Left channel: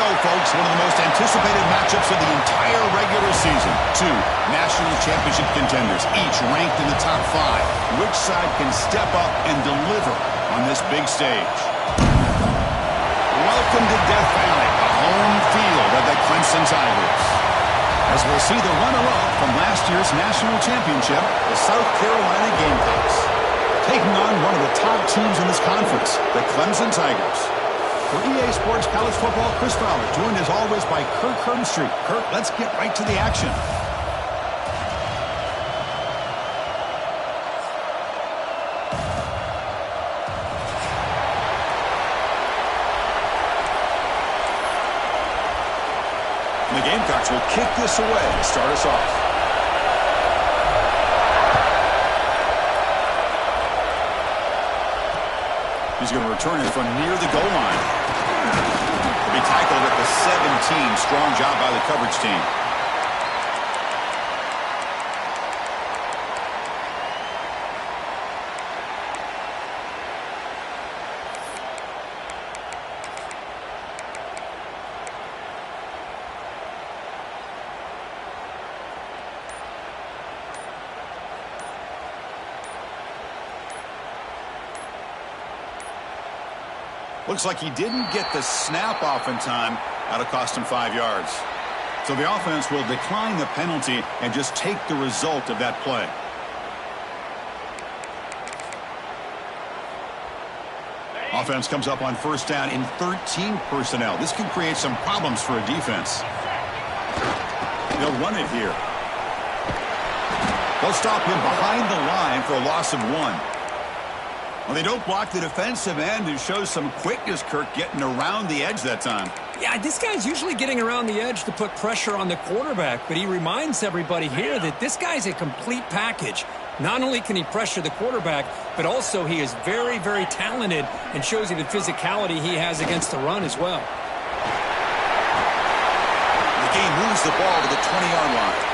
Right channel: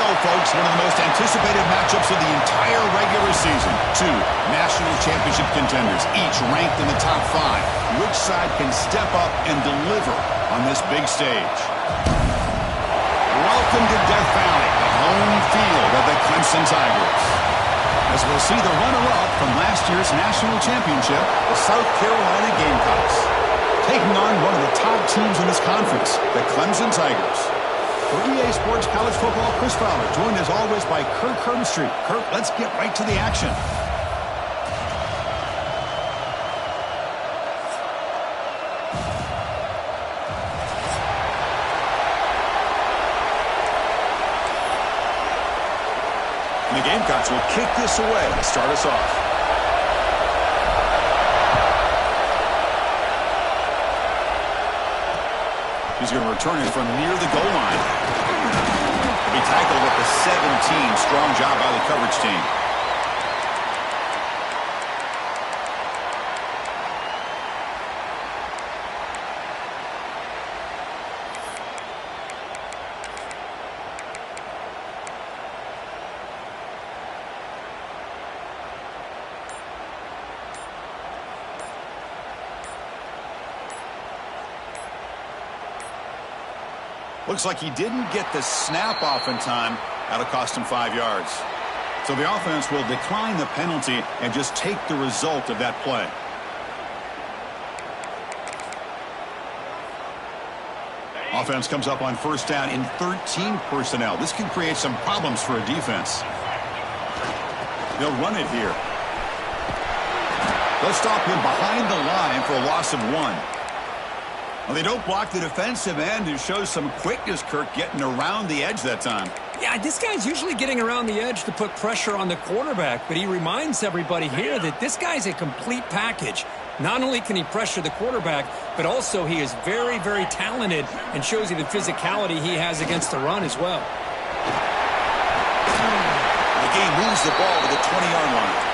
go, folks. One of the most anticipated matchups of the entire regular season. Two national championship contenders, each ranked in the top 5. Which side can step up and deliver on this big stage? Welcome to Death Valley, the home field of the Clemson Tigers. As we'll see the runner-up from last year's national championship, the South Carolina Gamecocks, taking on one of the top teams in this conference, the Clemson Tigers. For EA Sports College Football, Chris Fowler, joined as always by Kirk Herbstreit. Kirk, let's get right to the action. The Gamecocks will kick this away to start us off. He's going to return it from near the goal line. He'll be tackled at the 17. Strong job by the coverage team. Looks like he didn't get the snap off in time. That'll cost him 5 yards. So the offense will decline the penalty and just take the result of that play. Offense comes up on first down in 13 personnel. This can create some problems for a defense. They'll run it here. They'll stop him behind the line for a loss of 1. Well, they don't block the defensive end, who shows some quickness, Kirk, getting around the edge that time. Yeah, this guy's usually getting around the edge to put pressure on the quarterback, but he reminds everybody here that this guy's a complete package. Not only can he pressure the quarterback, but also he is very, very talented and shows you the physicality he has against the run as well. The game moves the ball to the 20-yard line.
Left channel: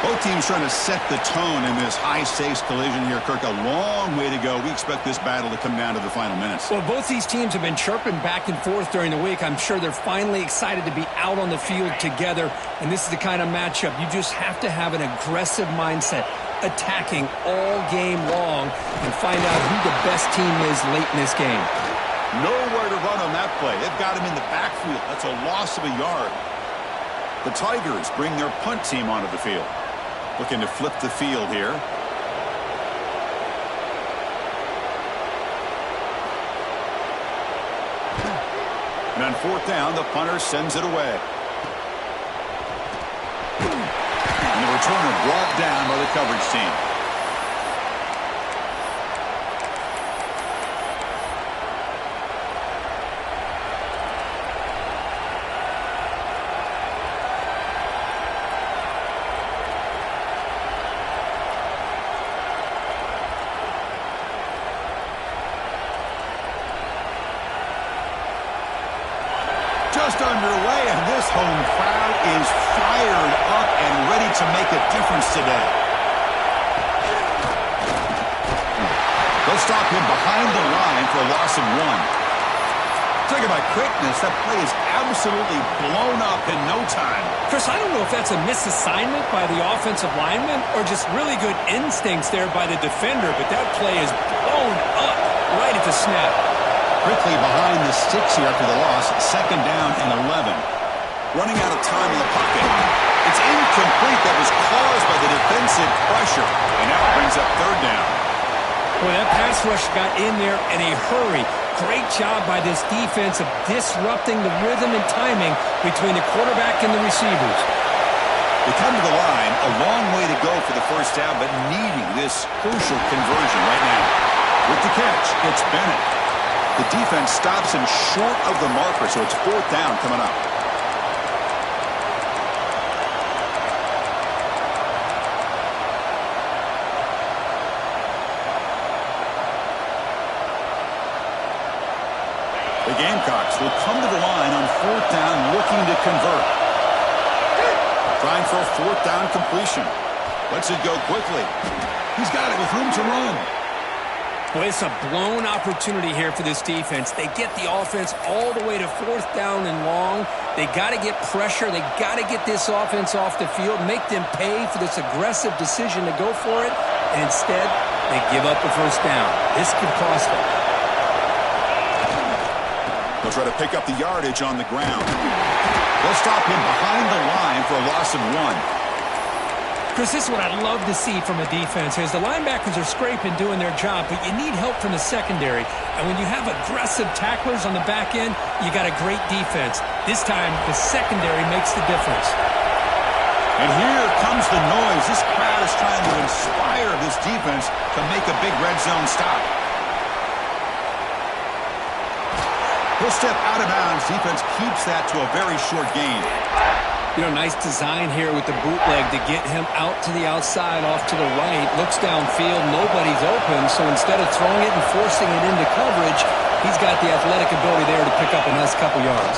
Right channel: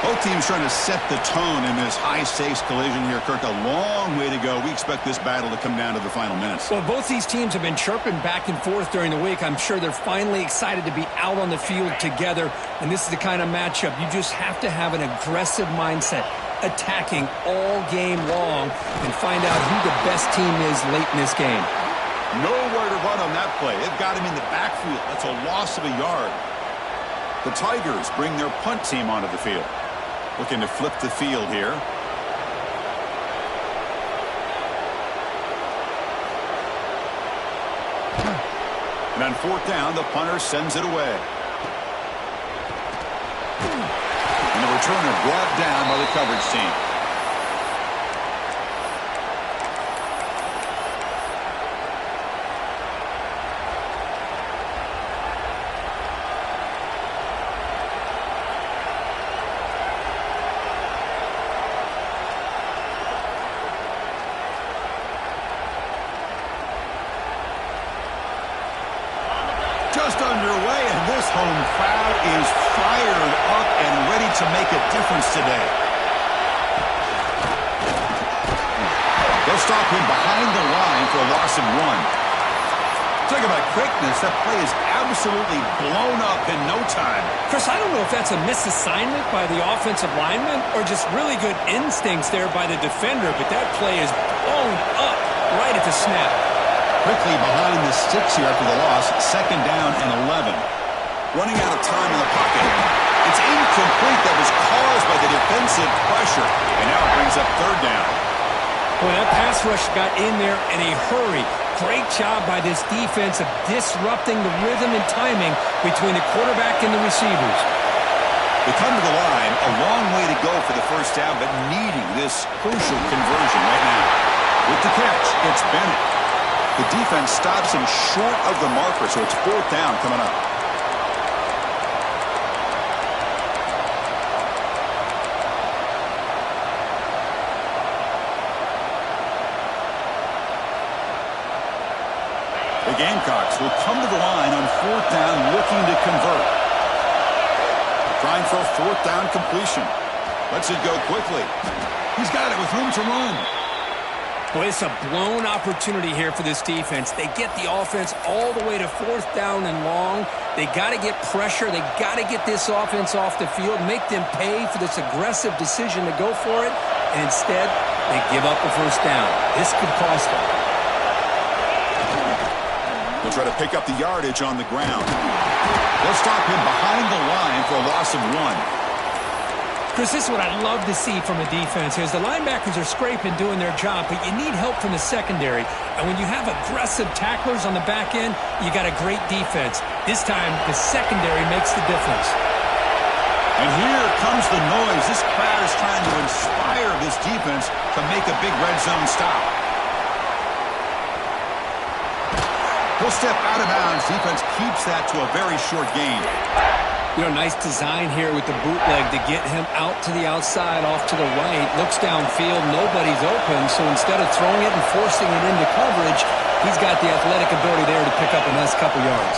Both teams trying to set the tone in this high-stakes collision here, Kirk. A long way to go. We expect this battle to come down to the final minutes. Well, both these teams have been chirping back and forth during the week. I'm sure they're finally excited to be out on the field together, and this is the kind of matchup you just have to have an aggressive mindset, attacking all game long, and find out who the best team is late in this game. Nowhere to run on that play. They've got him in the backfield. That's a loss of a yard. The Tigers bring their punt team onto the field. Looking to flip the field here. And on fourth down, the punter sends it away. And the returner brought down by the coverage team. Just underway, and this home crowd is fired up and ready to make a difference today. They'll stop him behind the line for a loss of 1. Talk about quickness. That play is absolutely blown up in no time. Chris, I don't know if that's a misassignment by the offensive lineman or just really good instincts there by the defender, but that play is blown up right at the snap. Quickly behind the sticks here after the loss. Second down and 11. Running out of time in the pocket. It's incomplete. That was caused by the defensive pressure. And now it brings up third down. Boy, that pass rush got in there in a hurry. Great job by this defense of disrupting the rhythm and timing between the quarterback and the receivers. They come to the line. A long way to go for the first down, but needing this crucial conversion right now. With the catch, it's Bennett. The defense stops him short of the marker, so it's fourth down coming up. The Gamecocks will come to the line on fourth down looking to convert. Trying for a fourth down completion. Lets it go quickly. He's got it with room to run. Boy, it's a blown opportunity here for this defense. They get the offense all the way to 4th down and long. They got to get pressure. They got to get this offense off the field, make them pay for this aggressive decision to go for it, and instead they give up a 1st down. This could cost them. They'll try to pick up the yardage on the ground. They'll stop him behind the line for a loss of 1. Chris, this is what I'd love to see from a defense is the linebackers are scraping, doing their job, but you need help from the secondary. And when you have aggressive tacklers on the back end, you got a great defense. This time, the secondary makes the difference. And here comes the noise. This crowd is trying to inspire this defense to make a big red zone stop. He'll step out of bounds. Defense keeps that to a very short gain. You know, nice design here with the bootleg to get him out to the outside, off to the right. Looks downfield, nobody's open, so instead of throwing it and forcing it into coverage, he's got the athletic ability there to pick up a nice couple yards.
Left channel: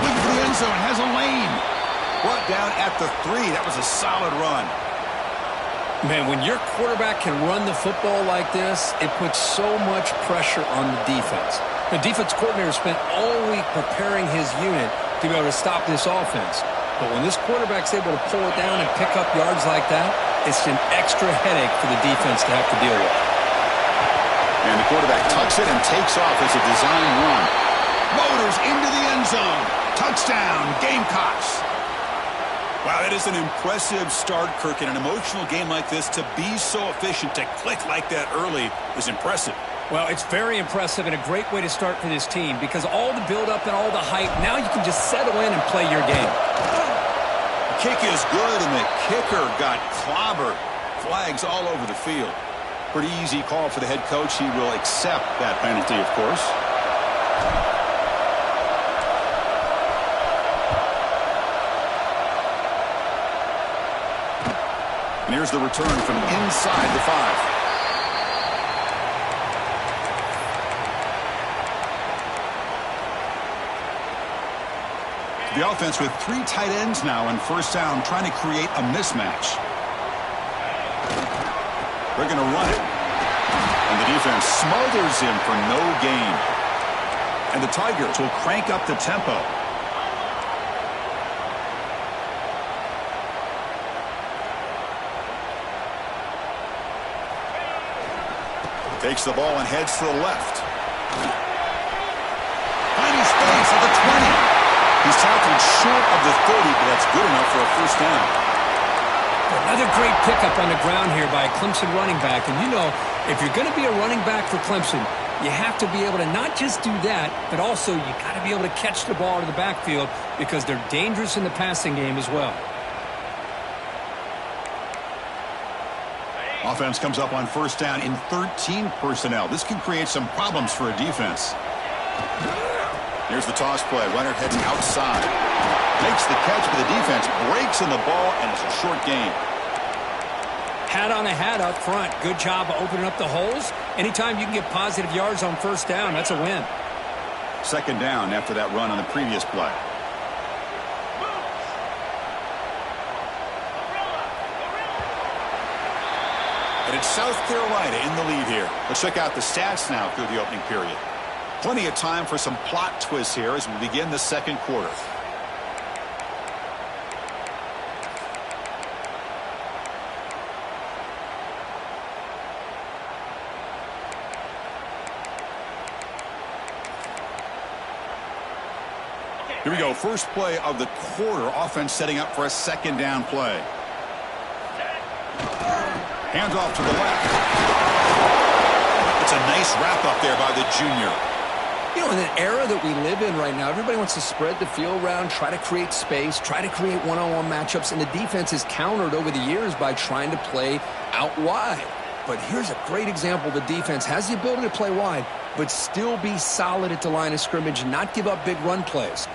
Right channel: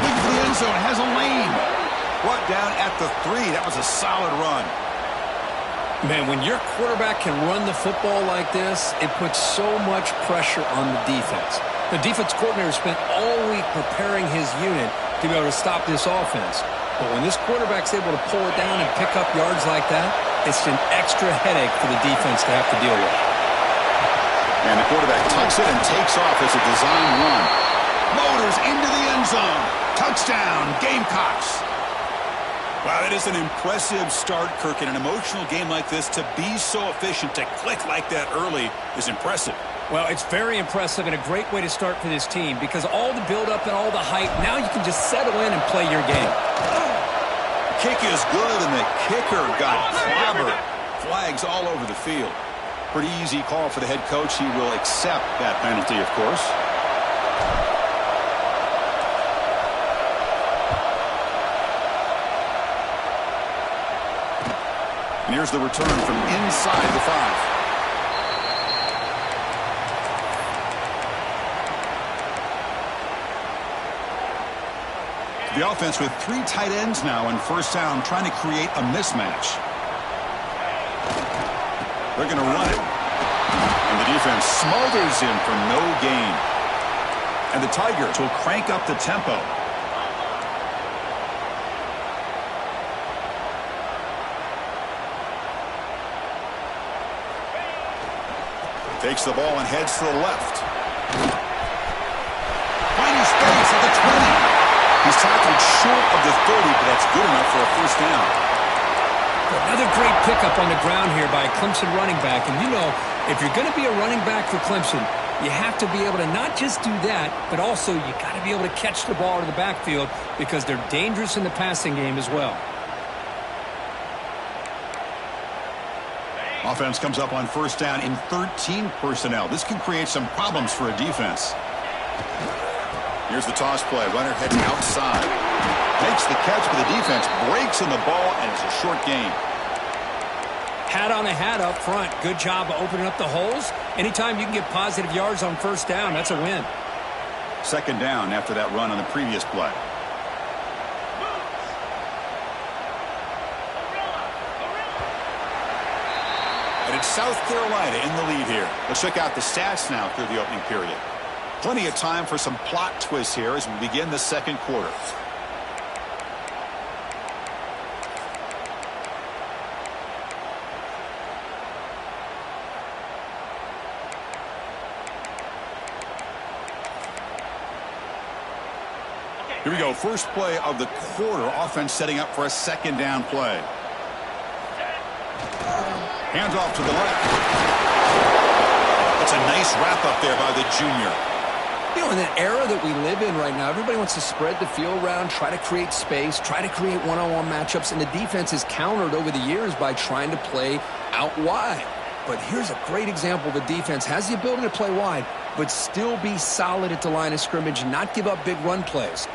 Looking for the end zone, has a lane. Brought down at the 3. That was a solid run. Man, when your quarterback can run the football like this, it puts so much pressure on the defense. The defense coordinator spent all week preparing his unit to be able to stop this offense. But when this quarterback's able to pull it down and pick up yards like that, it's an extra headache for the defense to have to deal with. And the quarterback tucks it and takes off as a design run. Motors into the end zone. Touchdown, Gamecocks. Wow, that is an impressive start, Kirk. In an emotional game like this, to be so efficient, to click like that early is impressive. Well, it's very impressive and a great way to start for this team because all the build-up and all the hype, now you can just settle in and play your game. The kick is good, and the kicker got clobbered. Flags all over the field. Pretty easy call for the head coach. He will accept that penalty, of course. And here's the return from inside the 5. The offense with 3 tight ends now on 1st down, trying to create a mismatch. They're going to run it. And the defense smothers him for no gain. And the Tigers will crank up the tempo. Takes the ball and heads to the left. Finding space at the 20. He's tackled short of the 30, but that's good enough for a 1st down. Another great pickup on the ground here by a Clemson running back. And you know, if you're going to be a running back for Clemson, you have to be able to not just do that, but also you got to be able to catch the ball to the backfield because they're dangerous in the passing game as well. Offense comes up on 1st down in 13 personnel. This can create some problems for a defense. Here's the toss play. Runner heads outside. Makes the catch, but the defense breaks in the ball, and it's a short gain. Hat on a hat up front. Good job of opening up the holes. Anytime you can get positive yards on 1st down, that's a win. 2nd down after that run on the previous play. And it's South Carolina in the lead here. Let's check out the stats now through the opening period. Plenty of time for some plot twists here as we begin the 2nd quarter. Here we go. First play of the quarter. Offense setting up for a 2nd down play. Hands off to the left. That's a nice wrap up there by the junior. You know, in an era that we live in right now, everybody wants to spread the field around, try to create space, try to create one-on-one matchups, and the defense is countered over the years by trying to play out wide. But here's a great example. The defense has the ability to play wide, but still be solid at the line of scrimmage and not give up big run plays.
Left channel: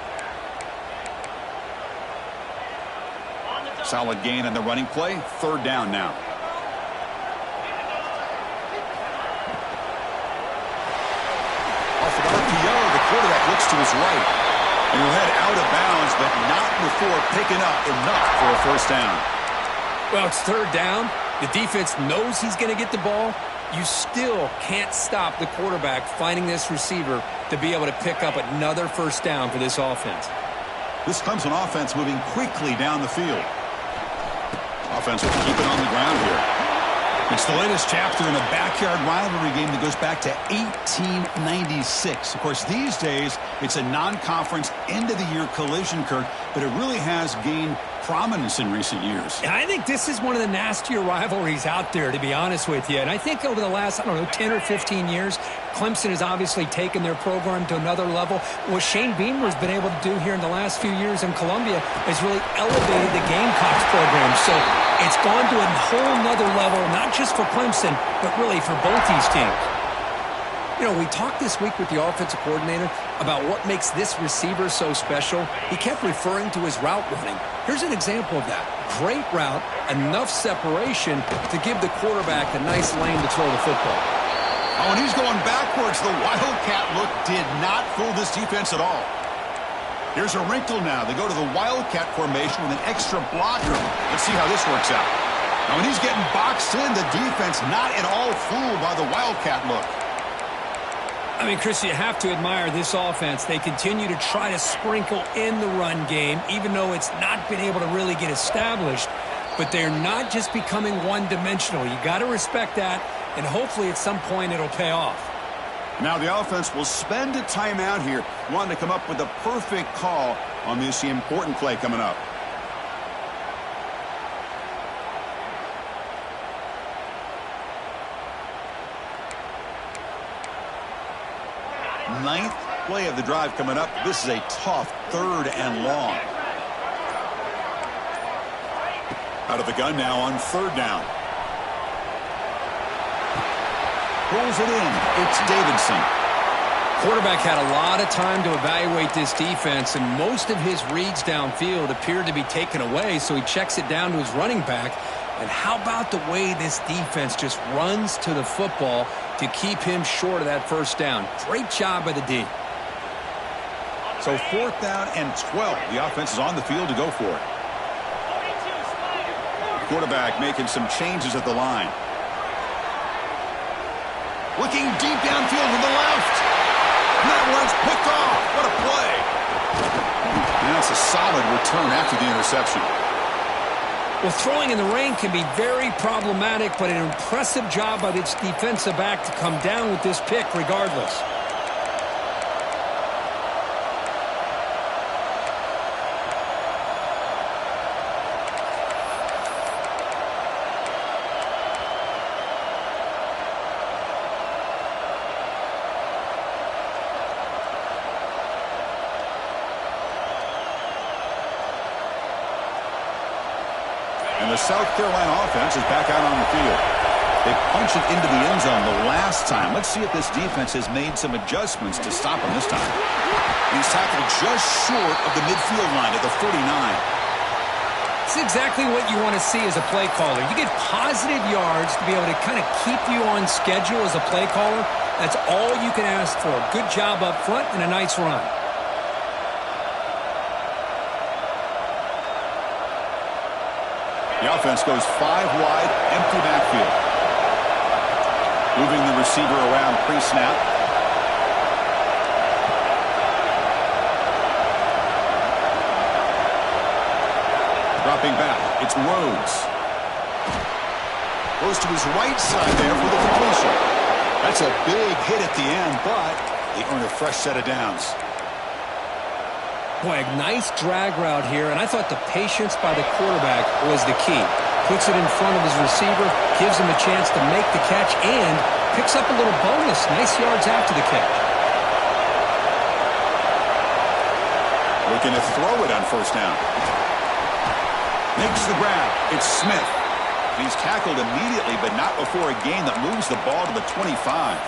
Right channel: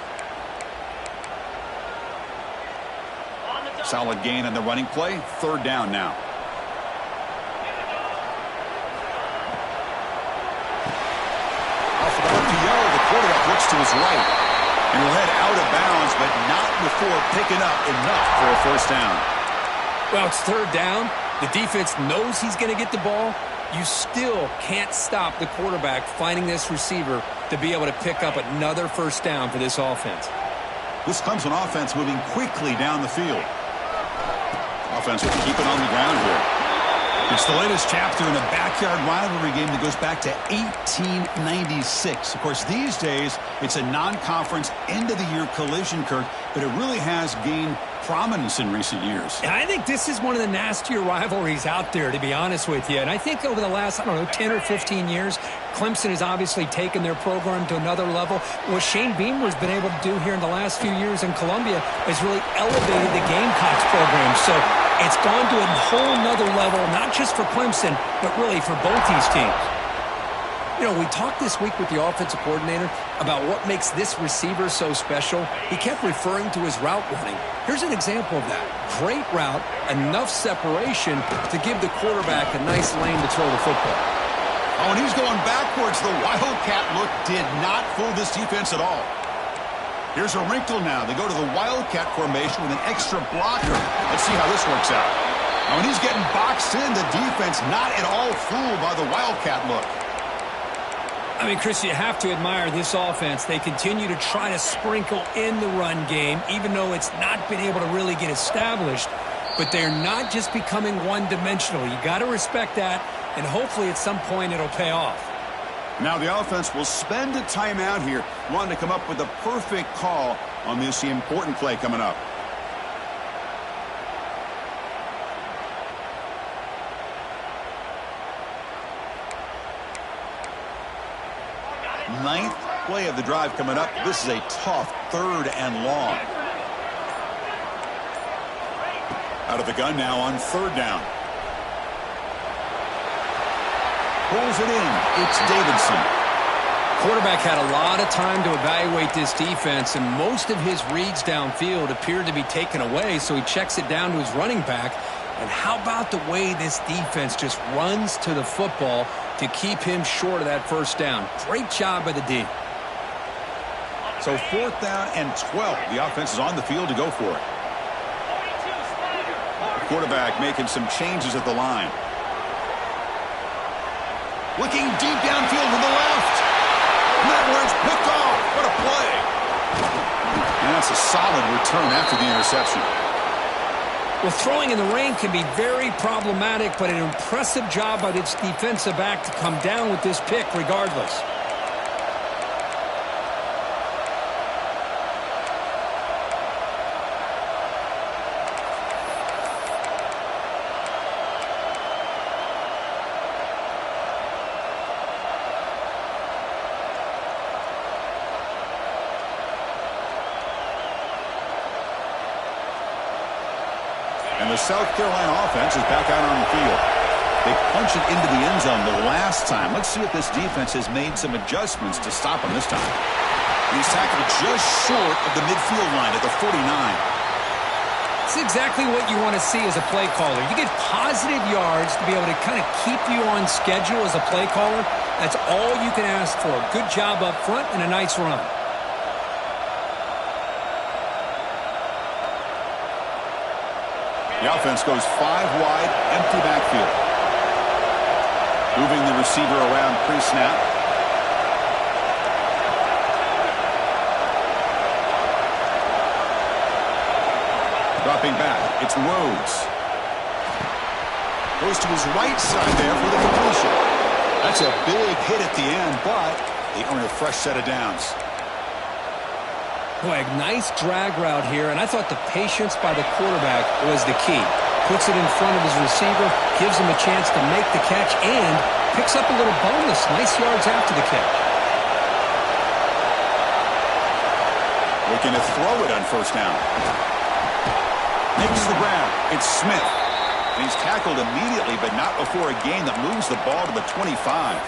Solid gain on the running play. 3rd down now. Off of RPO, the quarterback looks to his right. And he'll head out of bounds, but not before picking up enough for a 1st down. Well, it's 3rd down. The defense knows he's going to get the ball. You still can't stop the quarterback finding this receiver to be able to pick up another first down for this offense. This Clemson offense moving quickly down the field. Offense will keep it on the ground here. It's the latest chapter in a backyard rivalry game that goes back to 1896. Of course, these days, it's a non-conference end-of-the-year collision, Kirk, but it really has gained prominence in recent years. And I think this is one of the nastier rivalries out there, to be honest with you. And I think over the last, 10 or 15 years, Clemson has obviously taken their program to another level. What Shane Beamer has been able to do here in the last few years in Columbia has really elevated the Gamecocks program. So it's gone to a whole nother level, not just for Clemson, but really for both these teams. We talked this week with the offensive coordinator about what makes this receiver so special. He kept referring to his route running. Here's an example of that. Great route, enough separation to give the quarterback a nice lane to throw the football. Oh, and he's going backwards. The Wildcat look did not fool this defense at all. Here's a wrinkle now. They go to the Wildcat formation with an extra blocker. Let's see how this works out. Now, when he's getting boxed in, the defense not at all fooled by the Wildcat look. Chris, you have to admire this offense. They continue to try to sprinkle in the run game, even though it's not been able to really get established. But they're not just becoming one-dimensional. You got to respect that, and hopefully at some point it'll pay off. Now the offense will spend a timeout here, wanting to come up with the perfect call on this important play coming up. Ninth play of the drive coming up. This is a tough 3rd and long. Out of the gun now on 3rd down. Pulls it in. It's Davidson. Quarterback had a lot of time to evaluate this defense, and most of his reads downfield appeared to be taken away, so he checks it down to his running back. And how about the way this defense just runs to the football to keep him short of that first down? Great job by the D. So 4th down and 12. The offense is on the field to go for it. Quarterback making some changes at the line. Looking deep downfield to the left. And that one's picked off. What a play. And that's a solid return after the interception. Well, throwing in the rain can be very problematic, but an impressive job by this defensive back to come down with this pick regardless. And the South Carolina offense is back out on the field. They punch it into the end zone the last time. Let's see if this defense has made some adjustments to stop him this time. He's tackled just short of the midfield line at the 49. It's exactly what you want to see as a play caller. You get positive yards to be able to kind of keep you on schedule as a play caller. That's all you can ask for. Good job up front and a nice run. The offense goes 5 wide, empty backfield. Moving the receiver around pre-snap. Dropping back, it's Rhodes. Goes to his right side there for the completion. That's a big hit at the end, but they earn a fresh set of downs. Boy, a nice drag route here, and I thought the patience by the quarterback was the key. Puts it in front of his receiver, gives him a chance to make the catch, and picks up a little bonus. Nice yards after the catch. Looking to throw it on 1st down. Makes the grab. It's Smith. And he's tackled immediately, but not before a gain that moves the ball to the 25.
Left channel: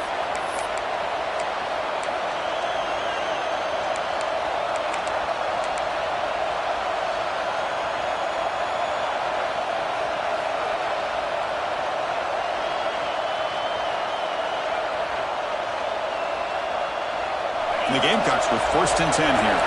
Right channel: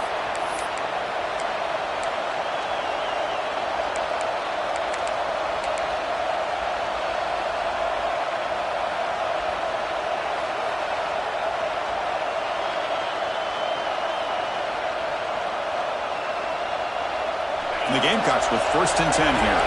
And the Gamecocks with 1st and 10 here.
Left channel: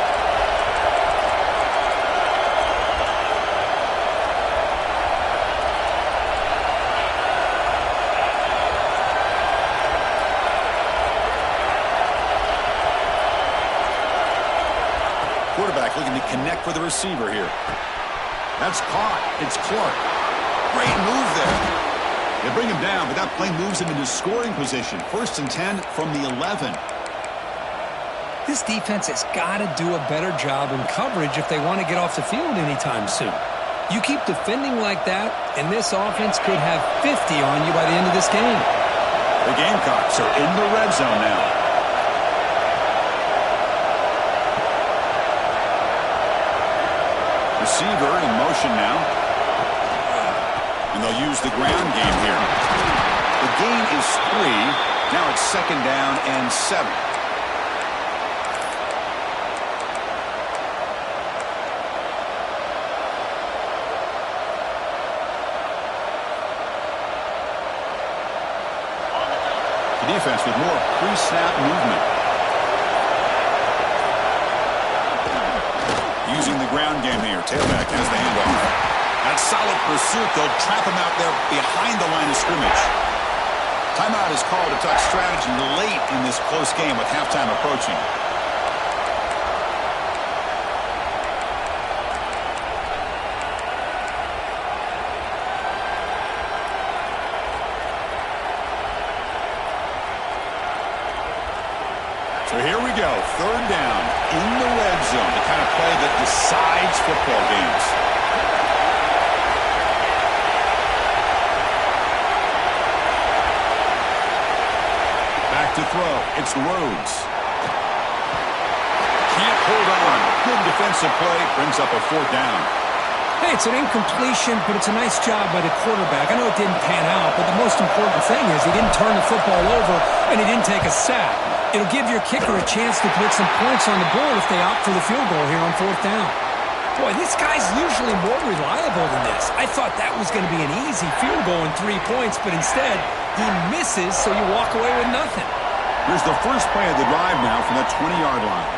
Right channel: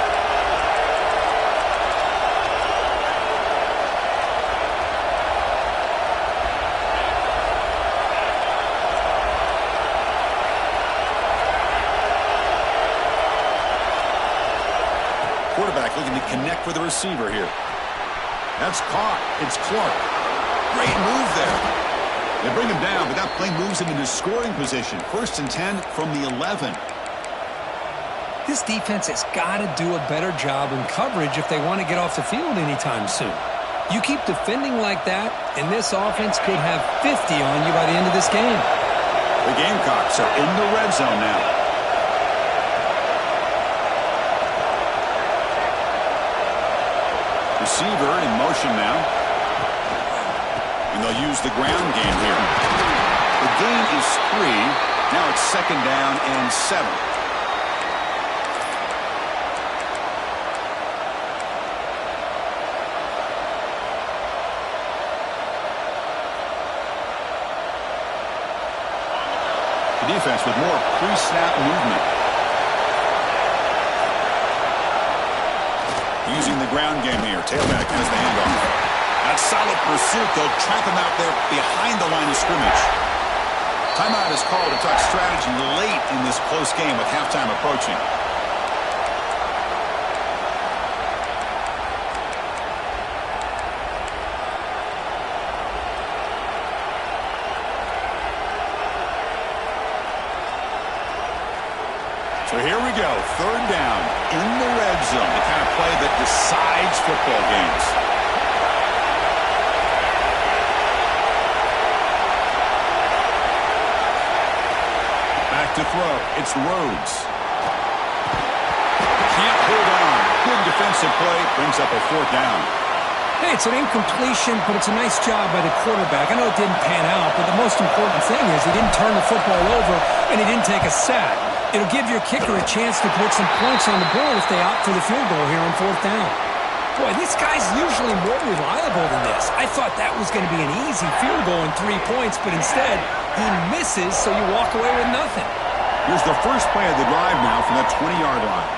looking to connect with the receiver here. That's caught. It's Clark. Great move there. They bring him down, but that play moves him into scoring position. 1st and 10 from the 11. This defense has got to do a better job in coverage if they want to get off the field anytime soon. You keep defending like that, and this offense could have 50 on you by the end of this game. The Gamecocks are in the red zone now. Receiver in motion now. And they'll use the ground game here. The gain is 3. Now it's 2nd down and 7. The defense with more pre-snap movement. Using the ground game here. Tailback has the handoff. That's solid pursuit. They'll trap him out there behind the line of scrimmage. Timeout is called to talk strategy late in this close game with halftime approaching. So here we go. 3rd down in the red zone. The kind of play that decides football games. Back to throw. It's Rhodes. Can't hold on. Good defensive play. Brings up a 4th down. Hey, it's an incompletion, but it's a nice job by the quarterback. I know it didn't pan out, but the most important thing is he didn't turn the football over and he didn't take a sack. It'll give your kicker a chance to put some points on the board if they opt for the field goal here on 4th down. Boy, this guy's usually more reliable than this. I thought that was going to be an easy field goal and 3 points, but instead he misses, so you walk away with nothing. Here's the first play of the drive now from that 20-yard line.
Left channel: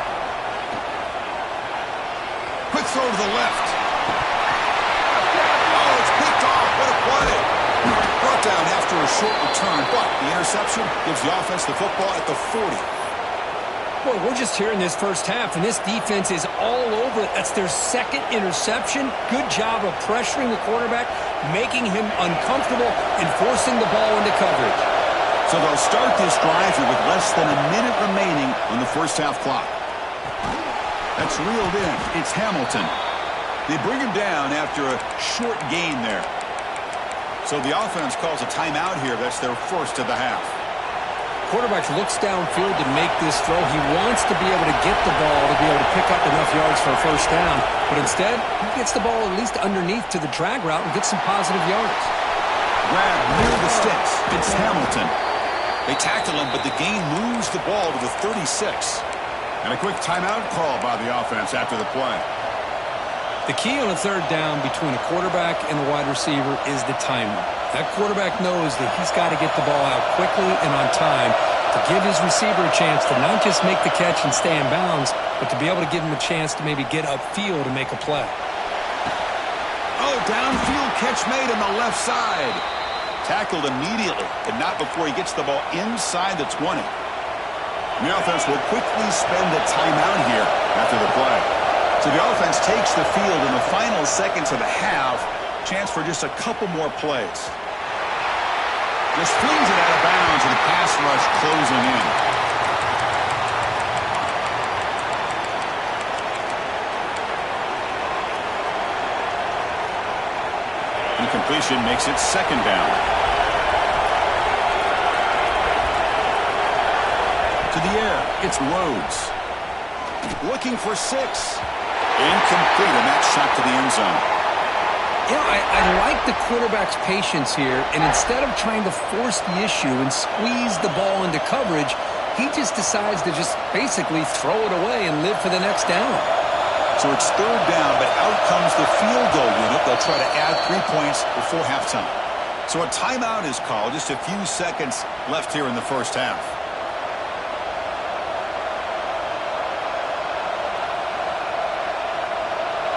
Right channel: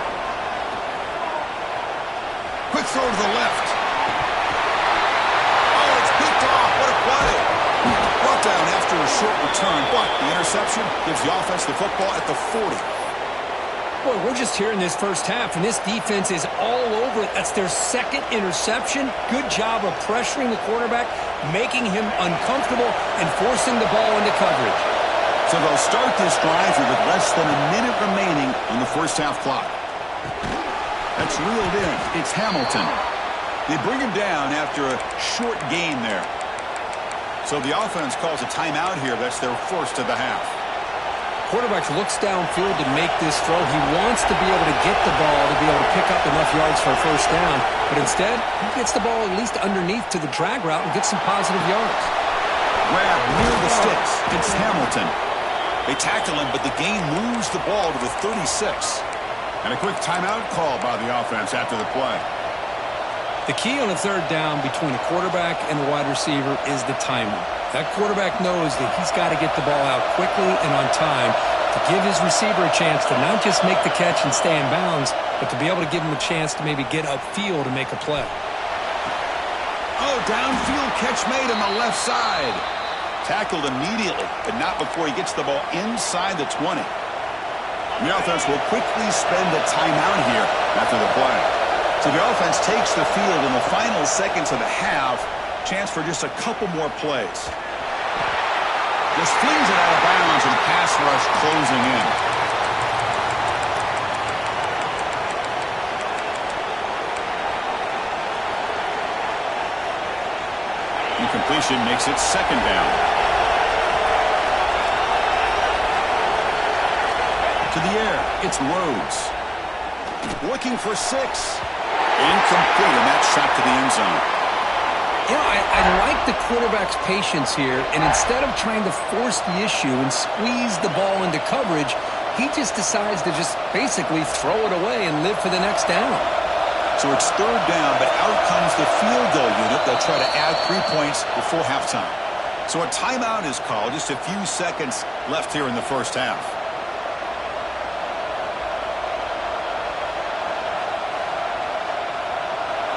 Quick throw to the left. Oh, it's picked off. What a play. Brought down after a short return, but the interception gives the offense the football at the 40. Boy, we're just here in this first half, and this defense is all over it. That's their 2nd interception. Good job of pressuring the quarterback, making him uncomfortable, and forcing the ball into coverage. So they'll start this drive here with less than a minute remaining on the first half clock. That's reeled in. It's Hamilton. They bring him down after a short gain there. So the offense calls a timeout here. That's their first of the half. Quarterback looks downfield to make this throw. He wants to be able to get the ball to be able to pick up enough yards for a 1st down. But instead, he gets the ball at least underneath to the drag route and gets some positive yards. Grab near the sticks. It's Hamilton. They tackle him, but the gain moves the ball to the 36. And a quick timeout call by the offense after the play. The key on a 3rd down between a quarterback and a wide receiver is the timing. That quarterback knows that he's got to get the ball out quickly and on time to give his receiver a chance to not just make the catch and stay in bounds, but to be able to give him a chance to maybe get upfield and make a play. Oh, downfield catch made on the left side. Tackled immediately, but not before he gets the ball inside the 20. The offense will quickly spend a timeout here after the play. So the offense takes the field in the final seconds of the half. Chance for just a couple more plays. Just flings it out of bounds with the pass rush closing in. Incompletion makes it 2nd down. To the air, it's Rhodes. Looking for 6. Incomplete, and that shot to the end zone. You know, I like the quarterback's patience here, and instead of trying to force the issue and squeeze the ball into coverage, he just decides to just basically throw it away and live for the next down. So it's 3rd down, but out comes the field goal unit. They'll try to add 3 points before halftime. So a timeout is called. Just a few seconds left here in the first half.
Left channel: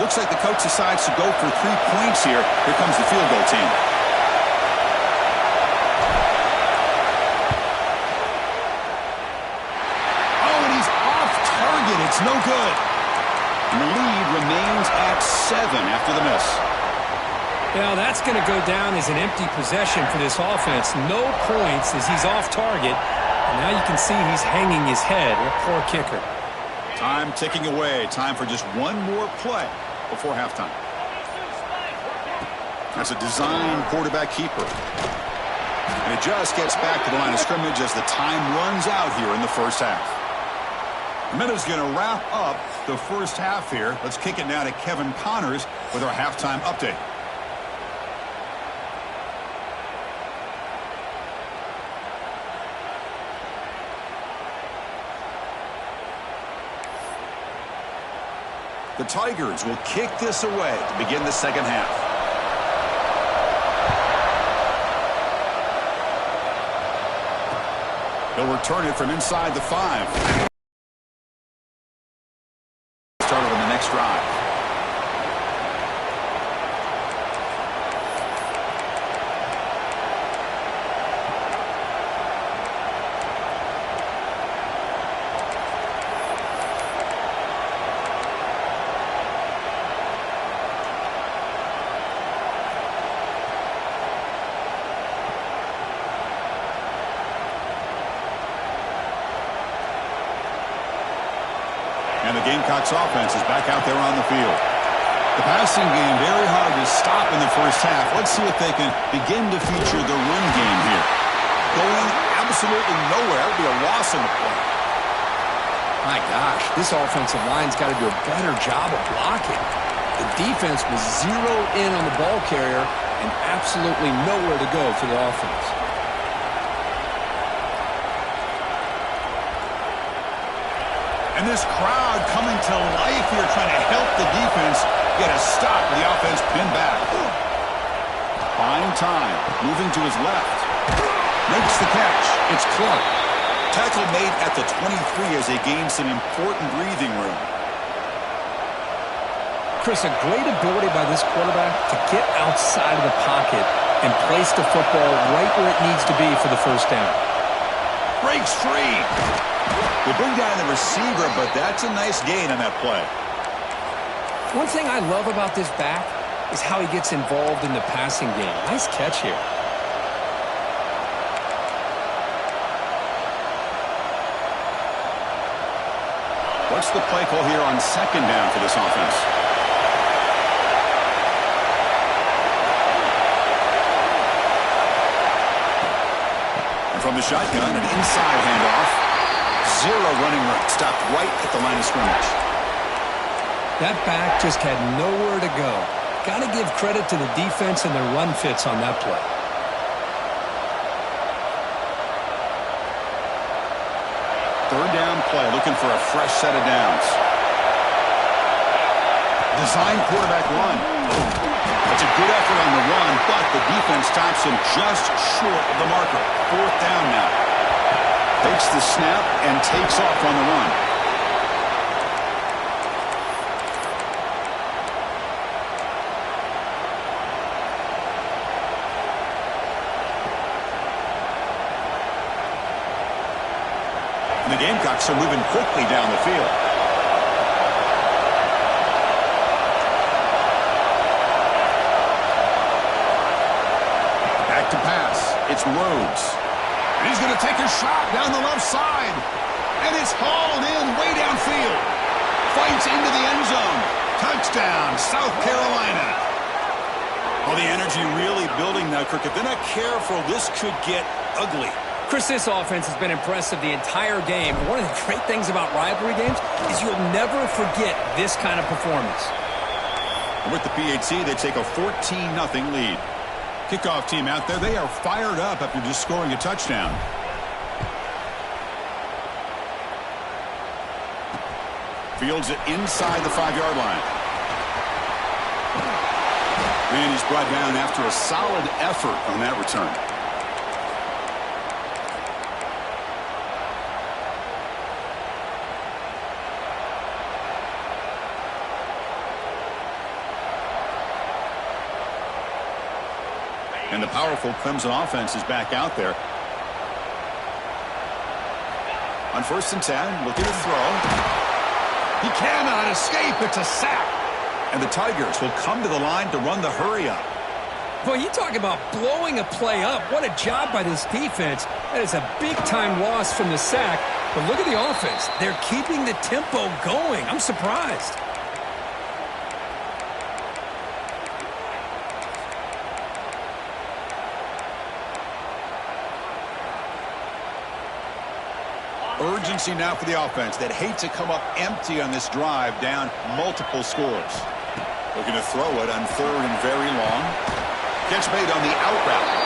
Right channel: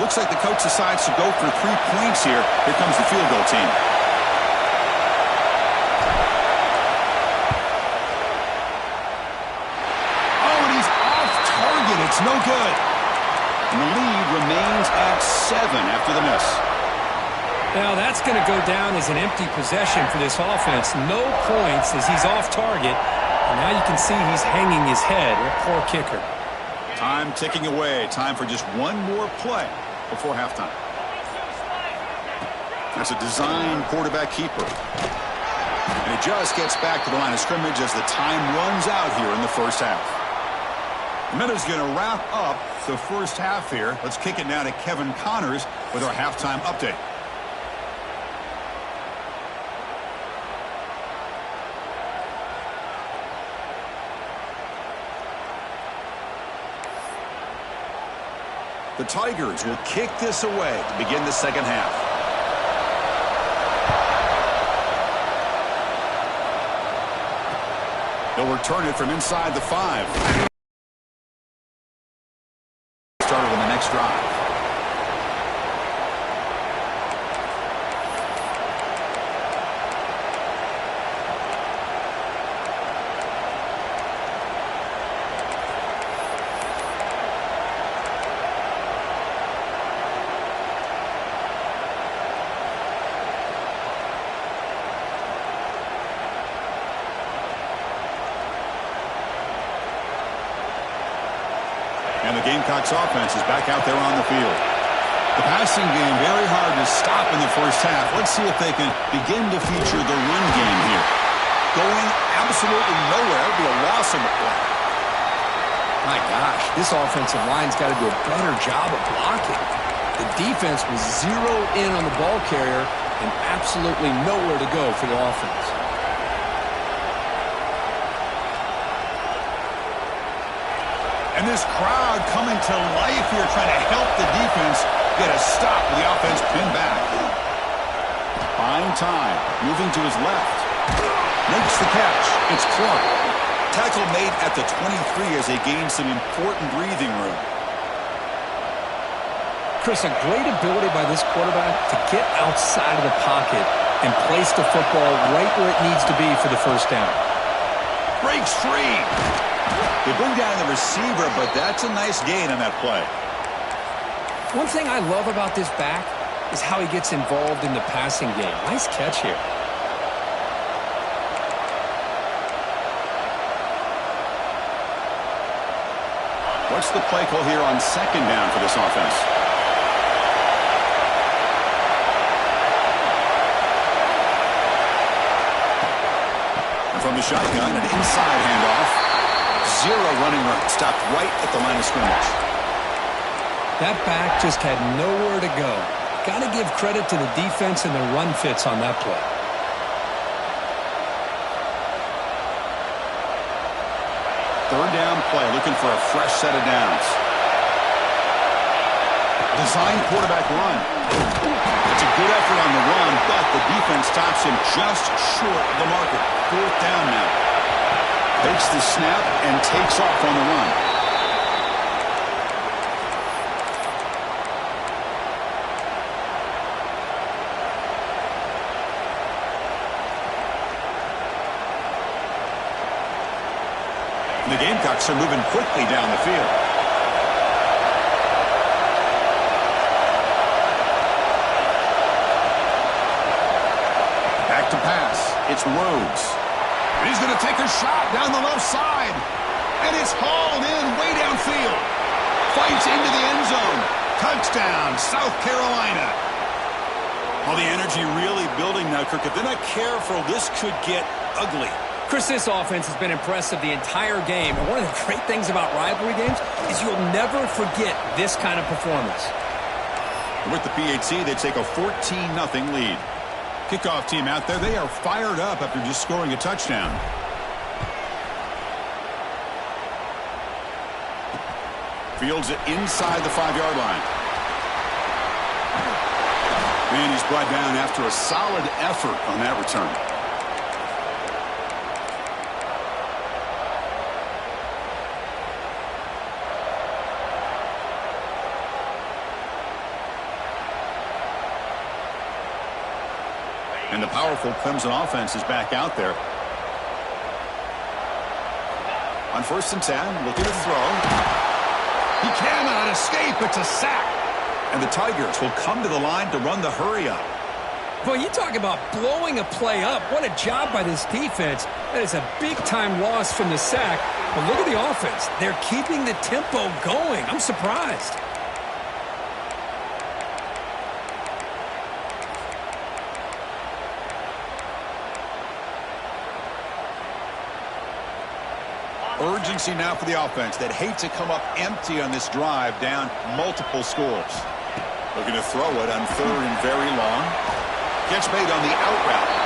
Looks like the coach decides to go for 3 points here. Here comes the field goal team. Oh, and he's off target. It's no good. And the lead remains at 7 after the miss. Now that's going to go down as an empty possession for this offense. No points as he's off target. And now you can see he's hanging his head. A poor kicker. Time ticking away. Time for just one more play before halftime. That's a design quarterback keeper. And it just gets back to the line of scrimmage as the time runs out here in the first half. The minute's going to wrap up the first half here. Let's kick it now to Kevin Connors with our halftime update. The Tigers will kick this away to begin the second half. He'll return it from inside the 5. Started on the next drive. And the Gamecocks offense is back out there on the field. The passing game very hard to stop in the first half. Let's see if they can begin to feature the run game here. Going absolutely nowhere. It'll be a loss in the play. My gosh, this offensive line's got to do a better job of blocking. The defense was zeroed in on the ball carrier and absolutely nowhere to go for the offense. And this crowd coming to life here, trying to help the defense get a stop with the offense pinned back. Buying time, moving to his left. Makes the catch. It's Clark. Tackle made at the 23 as they gain some important breathing room. Chris, a great ability by this quarterback to get outside of the pocket and place the football right where it needs to be for the first down. Breaks free. They bring down the receiver, but that's a nice gain on that play. One thing I love about this back is how he gets involved in the passing game. Nice catch here. What's the play call here on second down for this offense? And from the shotgun, an inside handoff. Zero running room. Stopped right at the line of scrimmage. That back just had nowhere to go. Got to give credit to the defense and their run fits on that play. Third down play, looking for a fresh set of downs. Design quarterback run. That's a good effort on the run, but the defense stops him just short of the marker. Fourth down now. Takes the snap and takes off on the run. And the Gamecocks are moving quickly down the field. Back to pass. It's Rhodes. And he's going to take a shot down the left side. And it's hauled in way downfield. Fights into the end zone. Touchdown, South Carolina. All the energy really building now, Kirk. If they're not careful, this could get ugly. Chris, this offense has been impressive the entire game. And one of the great things about rivalry games is you'll never forget this kind of performance. And with the PHC, they take a 14-0 lead. Kickoff team out there, they are fired up after just scoring a touchdown. Fields it inside the 5-yard line. And he's brought down after a solid effort on that return. And the powerful Clemson offense is back out there. On 1st and 10, looking to throw. He cannot escape. It's a sack. And the Tigers will come to the line to run the hurry up. Well, you talk about blowing a play up. What a job by this defense. That is a big-time loss from the sack. But look at the offense. They're keeping the tempo going. I'm surprised. Urgency now for the offense that hate to come up empty on this drive, down multiple scores. Looking to throw it on 3rd and very long. Catch made on the out route.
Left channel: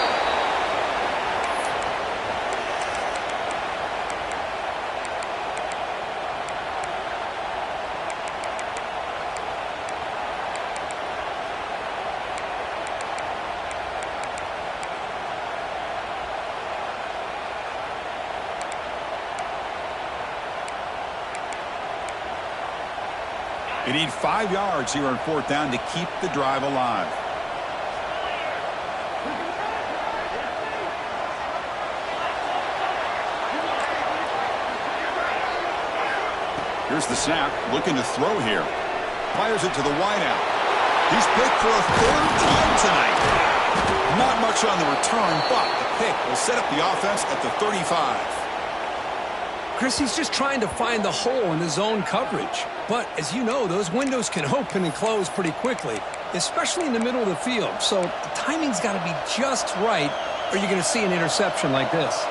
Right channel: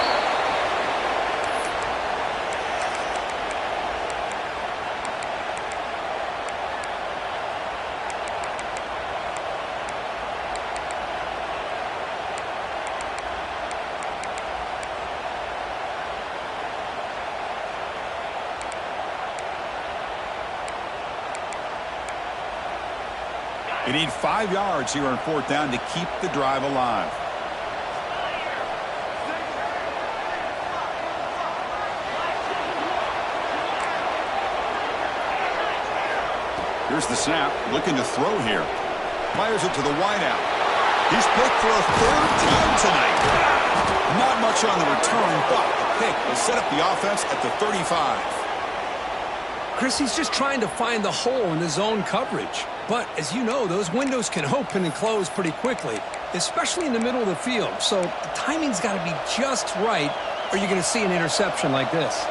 You need 5 yards here on 4th down to keep the drive alive. Here's the snap, looking to throw here. Fires it to the wideout. He's picked for a 3rd time tonight. Not much on the return, but the pick will set up the offense at the 35. Chris, he's just trying to find the hole in the zone coverage. But, as you know, those windows can open and close pretty quickly, especially in the middle of the field. So the timing's got to be just right, or you're going to see an interception like this.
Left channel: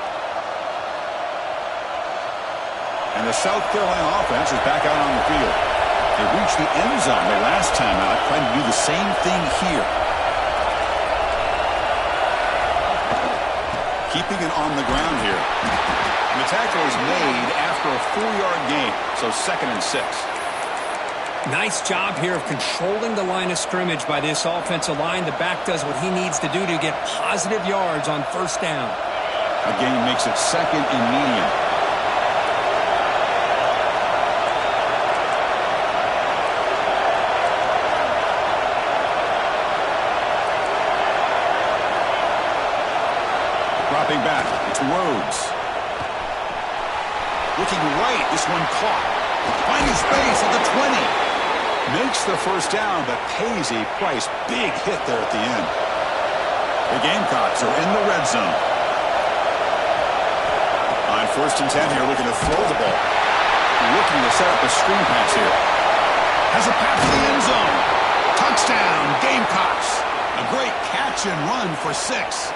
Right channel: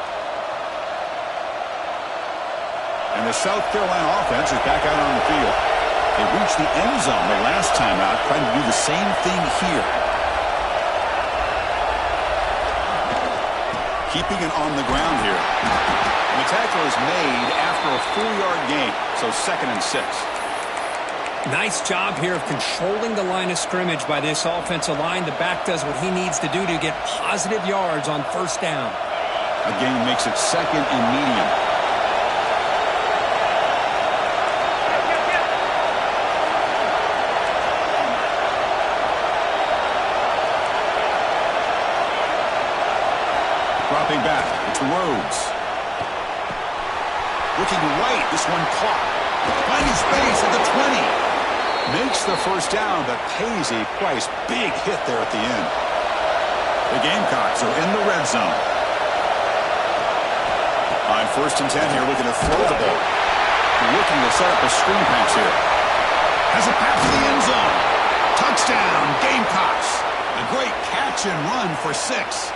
And the South Carolina offense is back out on the field. They reached the end zone the last time out, trying to do the same thing here. Keeping it on the ground here. And the tackle is made after a 4-yard gain, so 2nd and 6. Nice job here of controlling the line of scrimmage by this offensive line. The back does what he needs to do to get positive yards on 1st down. A gain makes it 2nd and medium. Dropping back, it's Rhodes. Looking right, this one caught. Finding space at the 20. Makes the 1st down, but pays a price. Big hit there at the end. The Gamecocks are in the red zone. On 1st and 10 here, looking to throw the ball. Looking to set up a screen pass here. Has a pass to the end zone. Touchdown, Gamecocks. A great catch and run for 6.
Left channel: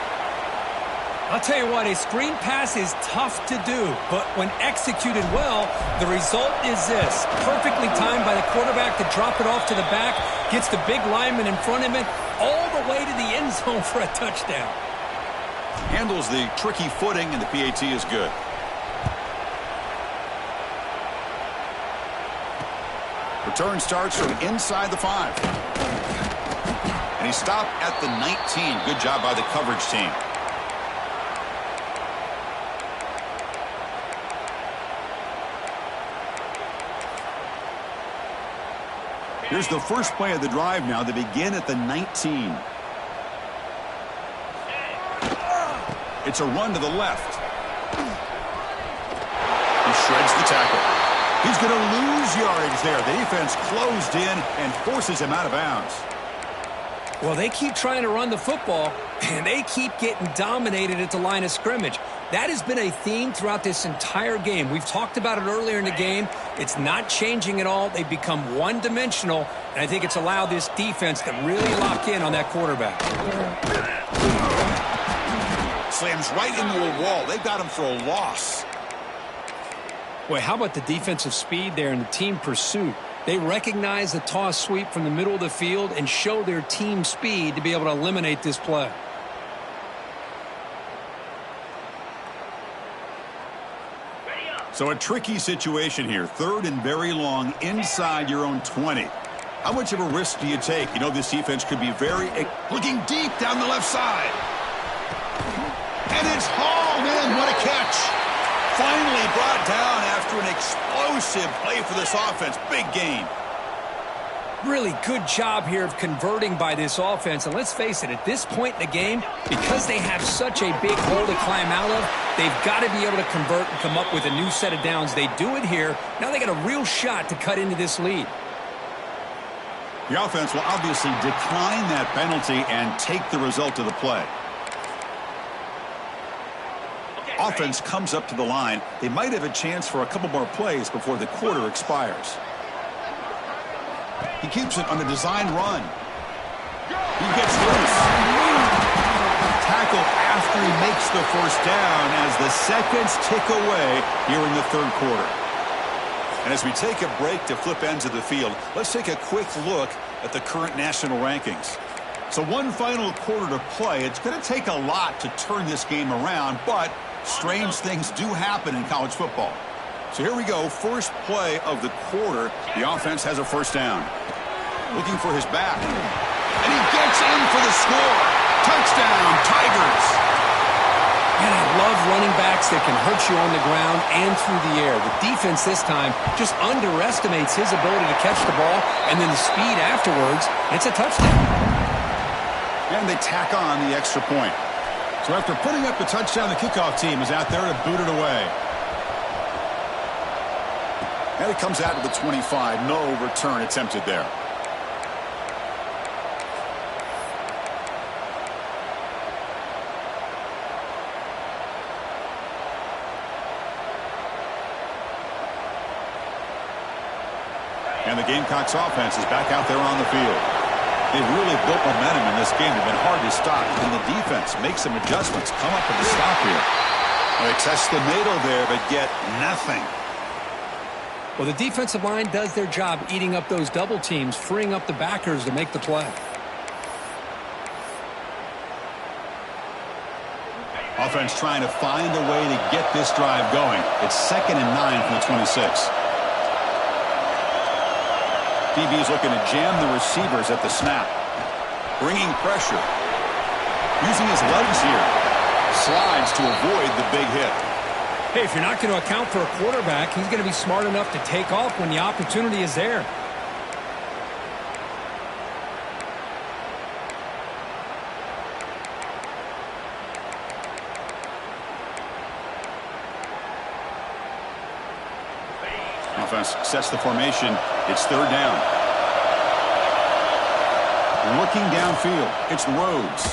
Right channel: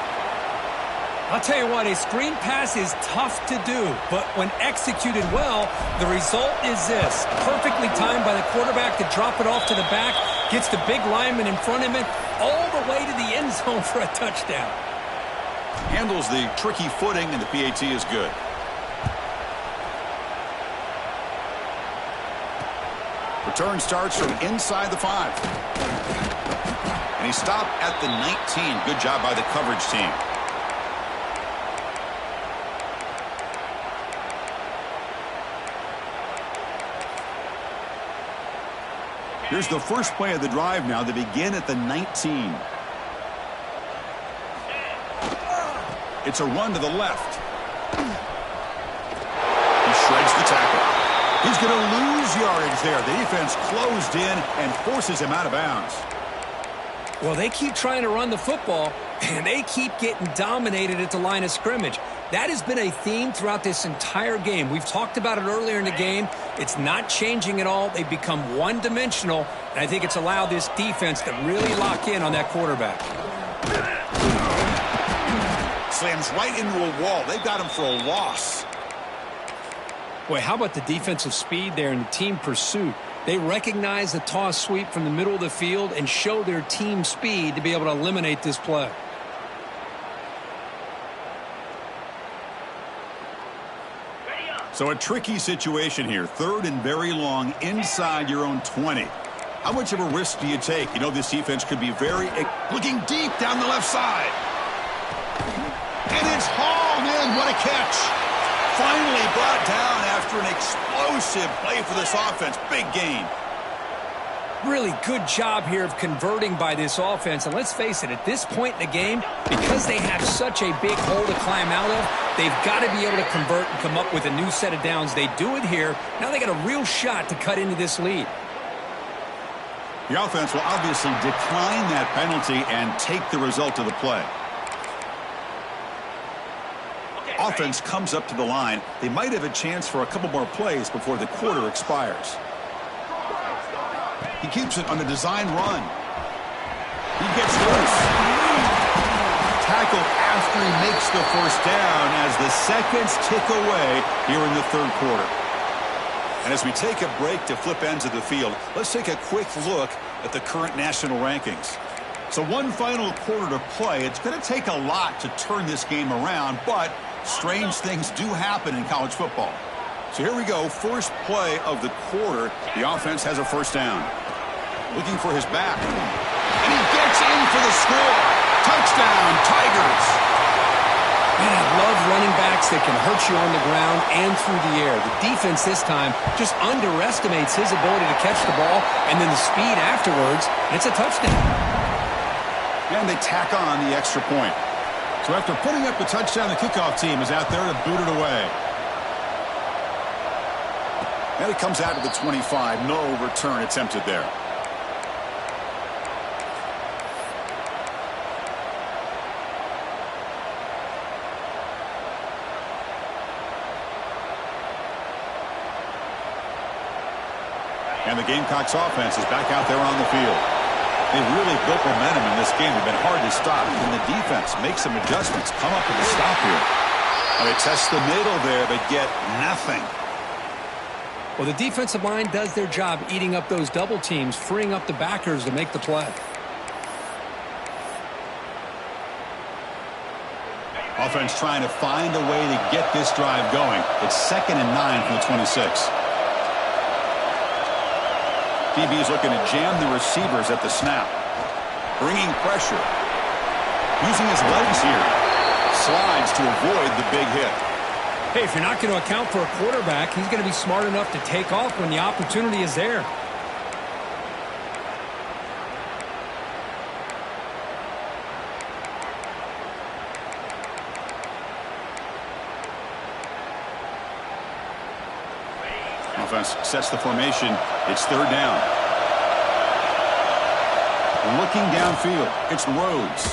I'll tell you what, a screen pass is tough to do, but when executed well, the result is this. Perfectly timed by the quarterback to drop it off to the back, gets the big lineman in front of him, all the way to the end zone for a touchdown. Handles the tricky footing, and the PAT is good. Return starts from inside the 5. And he stopped at the 19. Good job by the coverage team. Here's the first play of the drive now. They begin at the 19. It's a run to the left. He shreds the tackle. He's going to lose yardage there. The defense closed in and forces him out of bounds. Well, they keep trying to run the football, and they keep getting dominated at the line of scrimmage. That has been a theme throughout this entire game. We've talked about it earlier in the game. It's not changing at all. They've become one-dimensional, and I think it's allowed this defense to really lock in on that quarterback. Slams right into a wall. They've got him for a loss. Boy, how about the defensive speed there and the team pursuit? They recognize the toss sweep from the middle of the field and show their team speed to be able to eliminate this play. So a tricky situation here. 3rd and very long inside your own 20. How much of a risk do you take? You know this defense could be looking deep down the left side. And it's hauled in. What a catch. Finally brought down after an explosive play for this offense. Big gain. Really good job here of converting by this offense. And let's face it, at this point in the game, because they have such a big hole to climb out of, They've got to be able to convert and come up with a new set of downs. They do it here. Now they got a real shot to cut into this lead. The offense will obviously decline that penalty and take the result of the play. Offense comes up to the line. They might have a chance for a couple more plays before the quarter expires. He keeps it on a design run. He gets loose. Tackle after he makes the first down as the seconds tick away here in the third quarter. And as we take a break to flip ends of the field, let's take a quick look at the current national rankings. So one final quarter to play. It's going to take a lot to turn this game around, but strange things do happen in college football. So here we go. First play of the quarter. The offense has a first down. Looking for his back. And he gets in for the score. Touchdown, Tigers. Man, I love running backs that can hurt you on the ground and through the air. The defense this time just underestimates his ability to catch the ball, and then the speed afterwards, it's a touchdown. And they tack on the extra point. So after putting up the touchdown, the kickoff team is out there to boot it away. And it comes out to the 25. No return attempted there. And the Gamecocks offense is back out there on the field. They've really built momentum in this game. They've been hard to stop. And the defense makes some adjustments. Come up with a stop here. Well, they test the middle there, but get nothing. Well, the defensive line does their job eating up those double teams, freeing up the backers to make the play. Offense trying to find a way to get this drive going. It's 2nd and 9 from the 26. DB is looking to jam the receivers at the snap. Bringing pressure. Using his legs here. Slides to avoid the big hit. Hey, if you're not going to account for a quarterback, he's going to be smart enough to take off when the opportunity is there. Offense sets the formation. It's 3rd down. Looking downfield. It's Rhodes.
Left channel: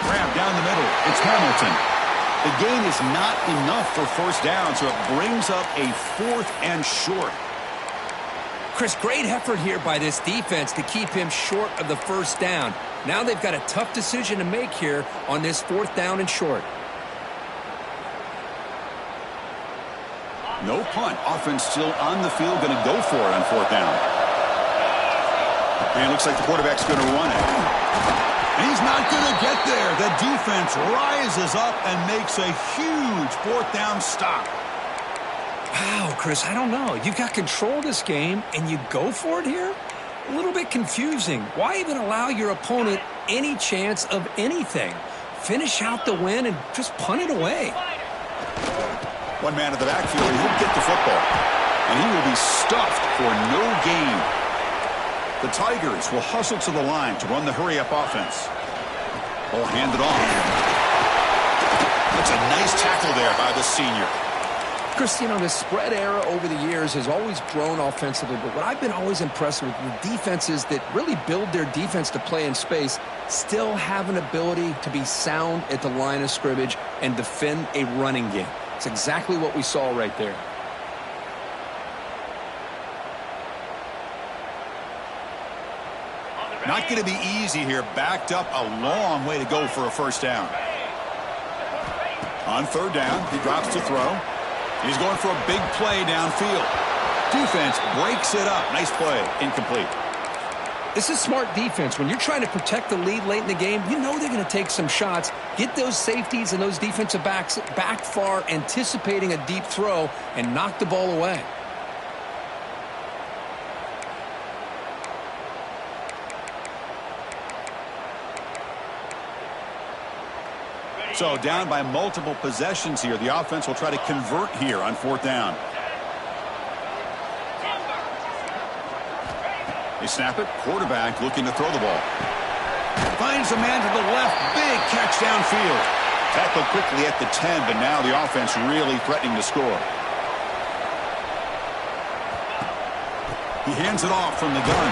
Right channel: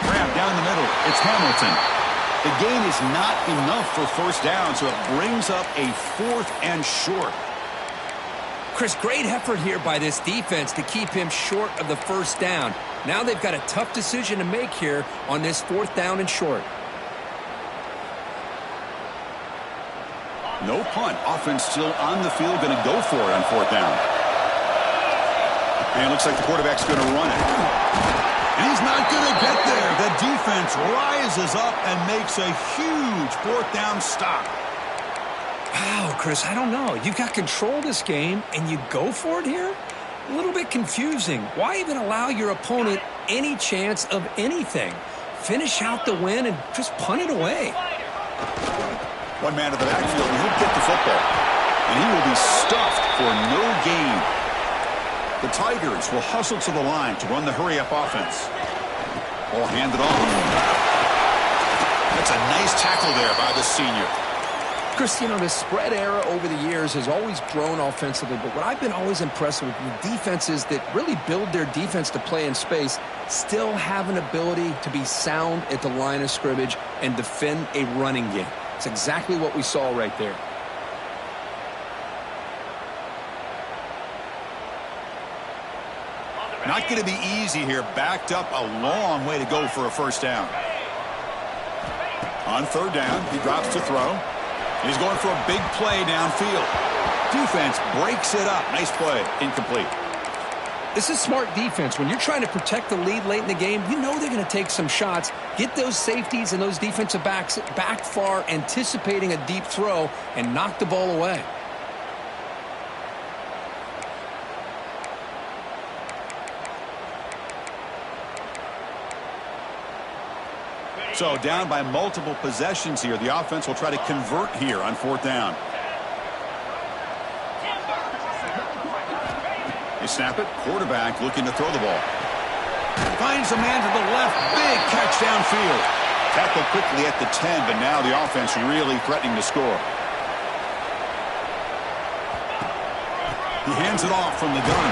Grab down the middle. It's Hamilton. The gain is not enough for first down, so it brings up a 4th and short. Chris, great effort here by this defense to keep him short of the first down. Now they've got a tough decision to make here on this 4th down and short. No punt. Offense still on the field, going to go for it on 4th down. And it looks like the quarterback's going to run it. And he's not going to get there. The defense rises up and makes a huge 4th down stop. Wow, Chris, I don't know. You got control of this game, and you go for it here? A little bit confusing. Why even allow your opponent any chance of anything? Finish out the win and just punt it away. One man in the backfield, and he'll get the football. And he will be stuffed for no gain. The Tigers will hustle to the line to run the hurry-up offense. Ball handed off. That's a nice tackle there by the senior. Chris, you know, the spread era over the years has always grown offensively, but what I've been always impressed with the defenses that really build their defense to play in space still have an ability to be sound at the line of scrimmage and defend a running game. It's exactly what we saw right there. Not going to be easy here. Backed up a long way to go for a first down. On 3rd down, he drops to throw. He's going for a big play downfield. Defense breaks it up. Nice play. Incomplete. This is smart defense. When you're trying to protect the lead late in the game, you know they're going to take some shots. Get those safeties and those defensive backs back far, anticipating a deep throw, and knock the ball away. So down by multiple possessions here. The offense will try to convert here on 4th down. They snap it. Quarterback looking to throw the ball. Finds a man to the left. Big catch downfield. Tackled quickly at the 10, but now the offense really threatening to score. He hands it off from the gun.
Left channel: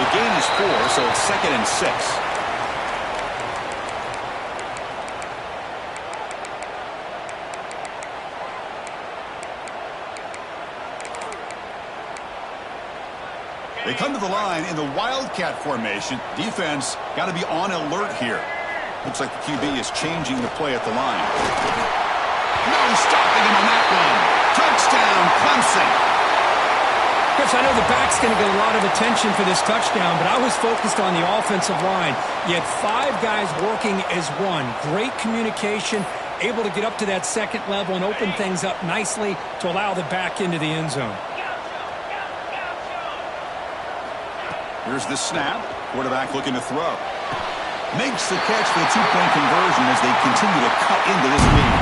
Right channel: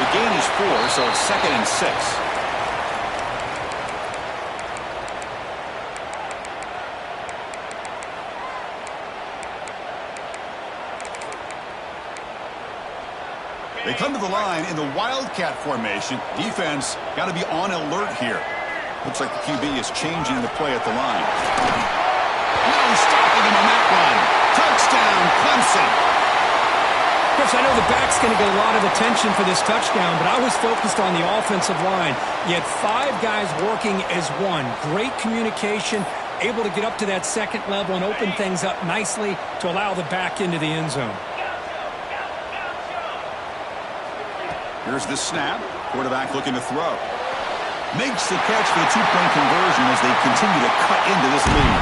The gain is 4, so it's 2nd and 6. They come to the line in the Wildcat formation. Defense got to be on alert here. Looks like the QB is changing the play at the line. No stopping him on that run. Touchdown, Clemson. Chris, I know the back's going to get a lot of attention for this touchdown, but I was focused on the offensive line. You had 5 guys working as one. Great communication, able to get up to that second level and open things up nicely to allow the back into the end zone. Here's the snap. Quarterback looking to throw. Makes the catch for the 2-point conversion as they continue to cut into this lead.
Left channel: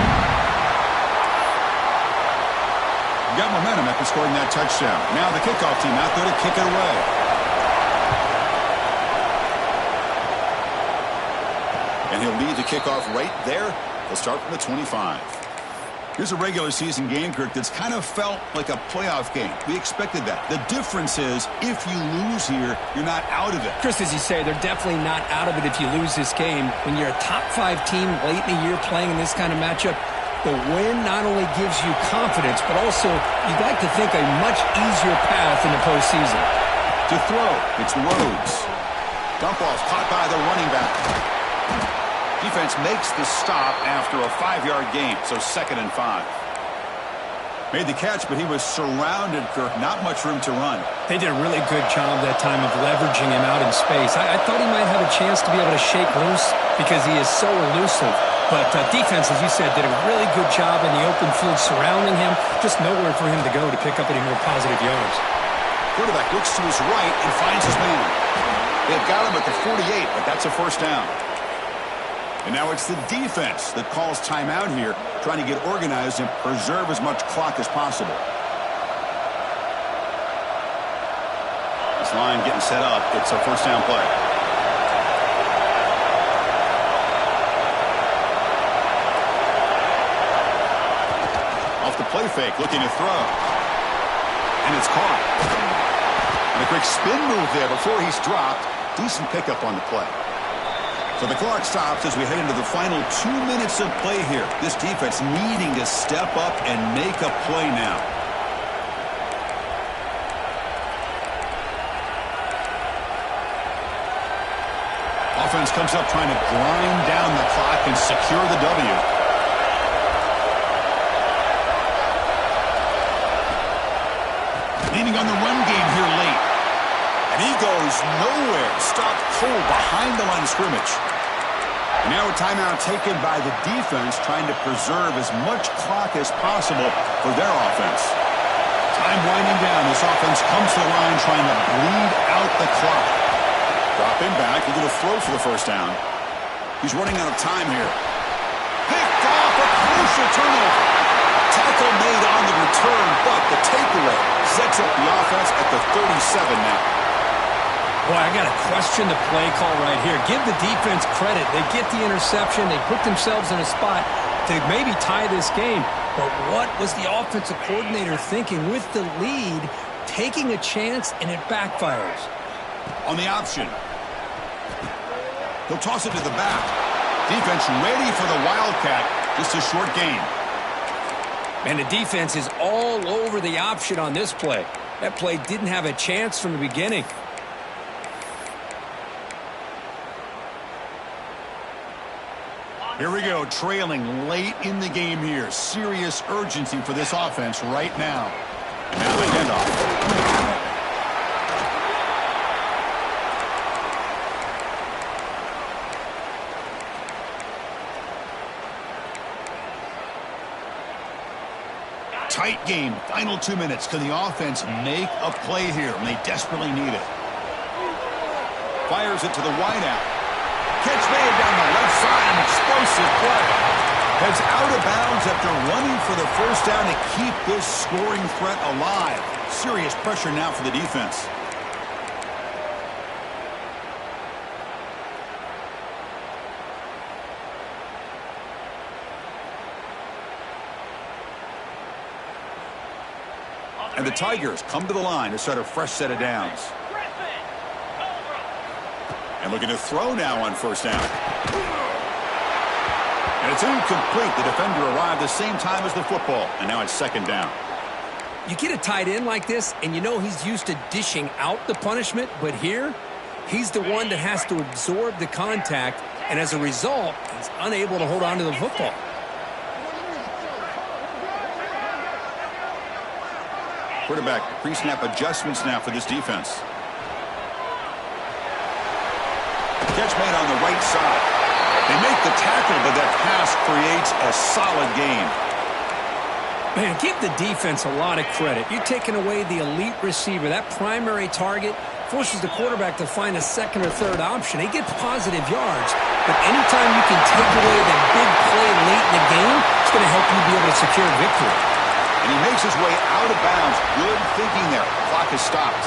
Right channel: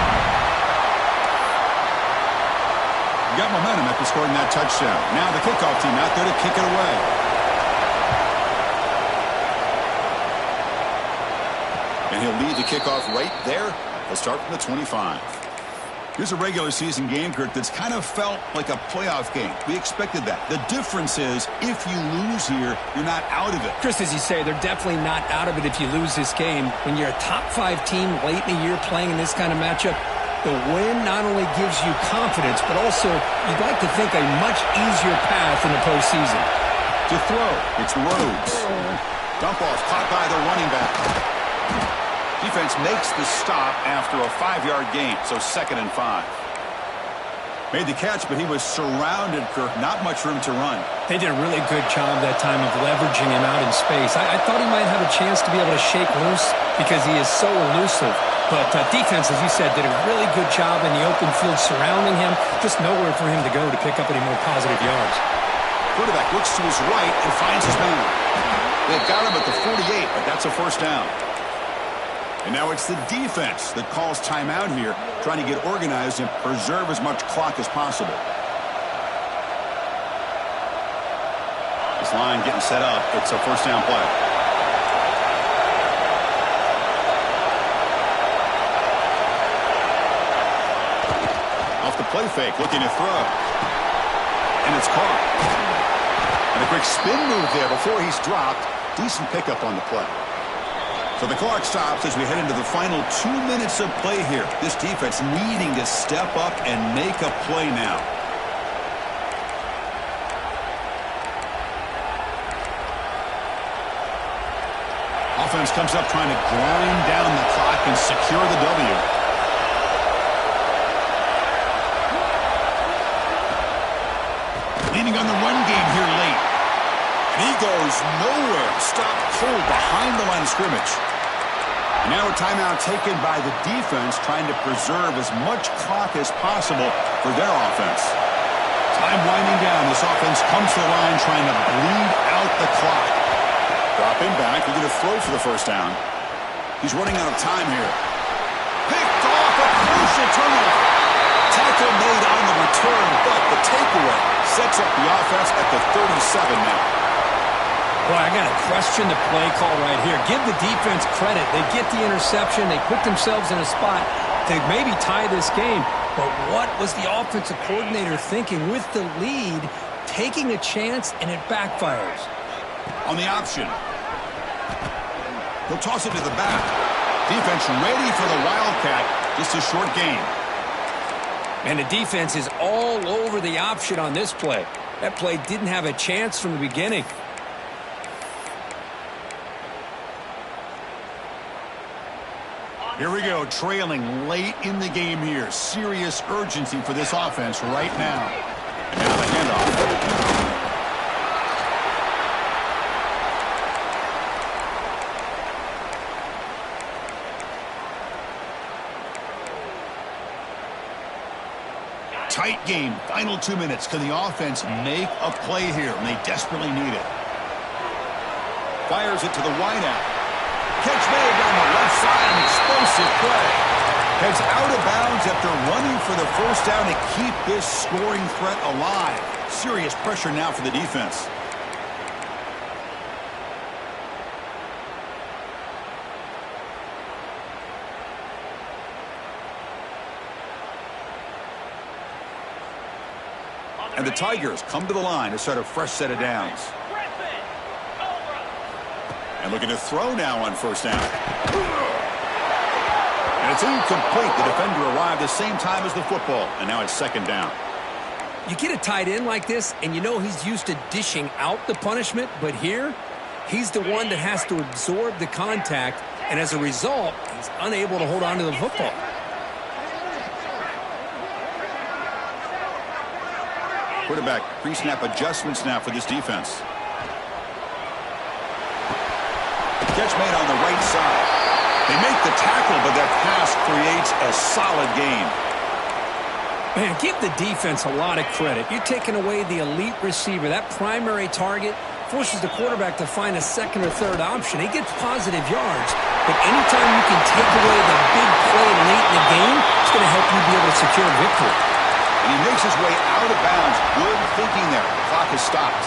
Got momentum after scoring that touchdown. Now the kickoff team out there to kick it away. And he'll lead the kickoff right there. They'll start from the 25. Here's a regular season game, Kirk, that's kind of felt like a playoff game. We expected that. The difference is if you lose here, you're not out of it. Chris, as you say, they're definitely not out of it if you lose this game. When you're a top 5 team late in the year playing in this kind of matchup, the win not only gives you confidence, but also you'd like to think a much easier path in the postseason. To throw, it's Rhodes. Dump off caught by the running back. Defense makes the stop after a 5-yard gain, so 2nd and 5. Made the catch, but he was surrounded, Kirk. Not much room to run. They did a really good job that time of leveraging him out in space. I thought he might have a chance to be able to shake loose because he is so elusive. But defense, as you said, did a really good job in the open field surrounding him. Just nowhere for him to go to pick up any more positive yards. Quarterback looks to his right and finds his man. They've got him at the 48, but that's a first down. And now it's the defense that calls timeout here, trying to get organized and preserve as much clock as possible. This line getting set up. It's a first down play. Off the play fake, looking to throw. And it's caught. And a quick spin move there before he's dropped. Decent pickup on the play. So the clock stops as we head into the final 2 minutes of play here. This defense needing to step up and make a play now. Offense comes up trying to grind down the clock and secure the W. Leaning on the run game here late. And he goes nowhere. Stopped cold behind the line of scrimmage. And now a timeout taken by the defense, trying to preserve as much clock as possible for their offense. Time winding down. This offense comes to the line trying to bleed out the clock. Drop him back. They're going to throw for the first down. He's running out of time here. Picked off, a crucial turnover. Tackle made on the return, but the takeaway sets up the offense at the 37 now. Boy, I got to question the play call right here. Give the defense credit. They get the interception. They put themselves in a spot to maybe tie this game. But what was the offensive coordinator thinking with the lead, taking a chance, and it backfires? On the option. He'll toss it to the back. Defense ready for the Wildcat. Just a short gain. And the defense is all over the option on this play. That play didn't have a chance from the beginning. Here we go, trailing late in the game here. Serious urgency for this offense right now. And now the handoff. Tight game, final 2 minutes. Can the offense make a play here? And they desperately need it. Fires it to the wideout. Catch made down the left side, an explosive play. Heads out of bounds after running for the first down to keep this scoring threat alive. Serious pressure now for the defense. And the Tigers come to the line to start a fresh set of downs. And looking to throw now on first down. And it's incomplete. The defender arrived the same time as the football, and now it's second down. You get a tight end like this, and you know he's used to dishing out the punishment, but here, he's the one that has to absorb the contact, and as a result, he's unable to hold on to the football. Quarterback pre-snap adjustments now for this defense. Catch made on the right side. They make the tackle, but that pass creates a solid gain. Man, give the defense a lot of credit. You're taking away the elite receiver. That primary target forces the quarterback to find a second or third option. He gets positive yards, but anytime you can take away the big play late in the game, it's going to help you be able to secure victory. And he makes his way out of bounds. Good thinking there. Clock is stopped.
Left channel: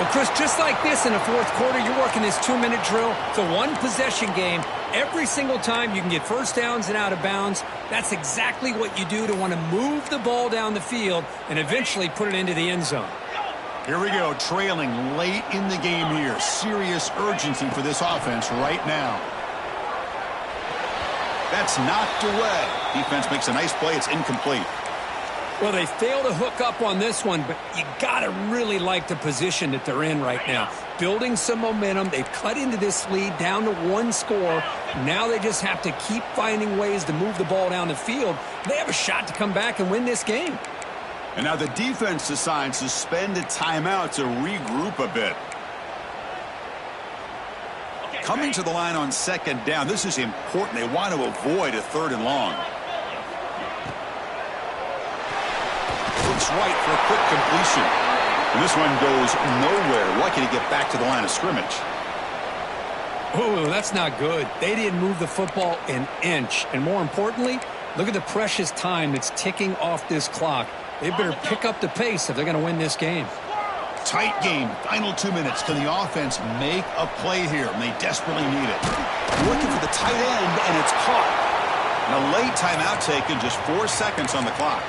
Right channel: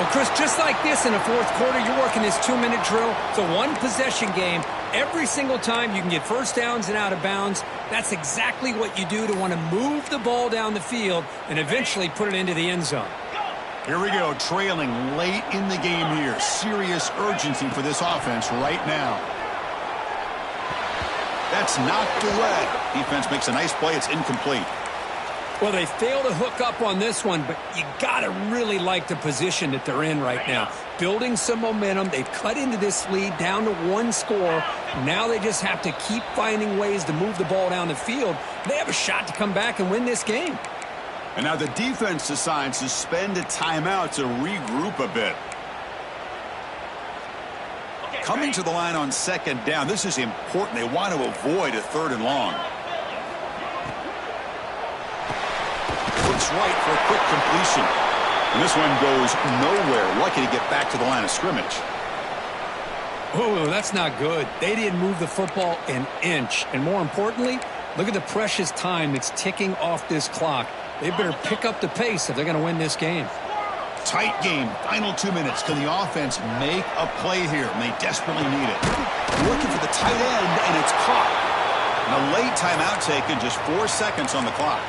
Well, Chris, just like this in the fourth quarter, you're working this 2-minute drill. It's a one-possession game. Every single time you can get first downs and out of bounds, that's exactly what you do to want to move the ball down the field and eventually put it into the end zone. Here we go, trailing late in the game here. Serious urgency for this offense right now. That's knocked away. Defense makes a nice play. It's incomplete. Well, they fail to hook up on this one, but you got to really like the position that they're in right now. Building some momentum. They've cut into this lead down to one score. Now they just have to keep finding ways to move the ball down the field. They have a shot to come back and win this game. And now the defense decides to spend a timeout to regroup a bit. Coming to the line on second down. This is important. They want to avoid a third and long. Looks right for a quick completion. And this one goes nowhere. Lucky to get back to the line of scrimmage. Oh, that's not good. They didn't move the football an inch. And more importantly, look at the precious time that's ticking off this clock. They better pick up the pace if they're going to win this game. Tight game. Final 2 minutes. Can the offense make a play here? And they desperately need it. Looking for the tight end, and it's caught. And a late timeout taken, just 4 seconds on the clock.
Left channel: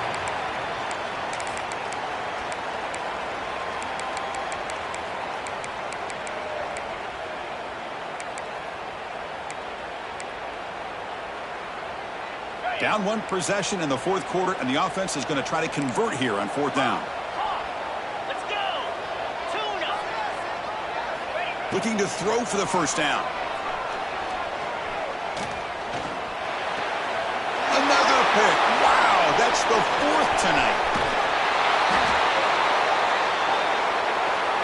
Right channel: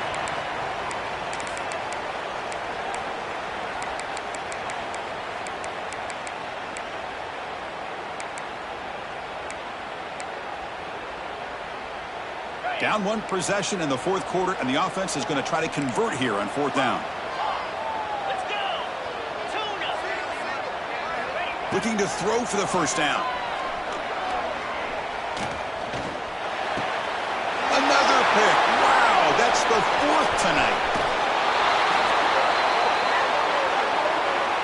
Down one possession in the fourth quarter, and the offense is going to try to convert here on fourth down. Let's go. Tuna. Looking to throw for the first down. Another pick. Wow, that's the fourth tonight.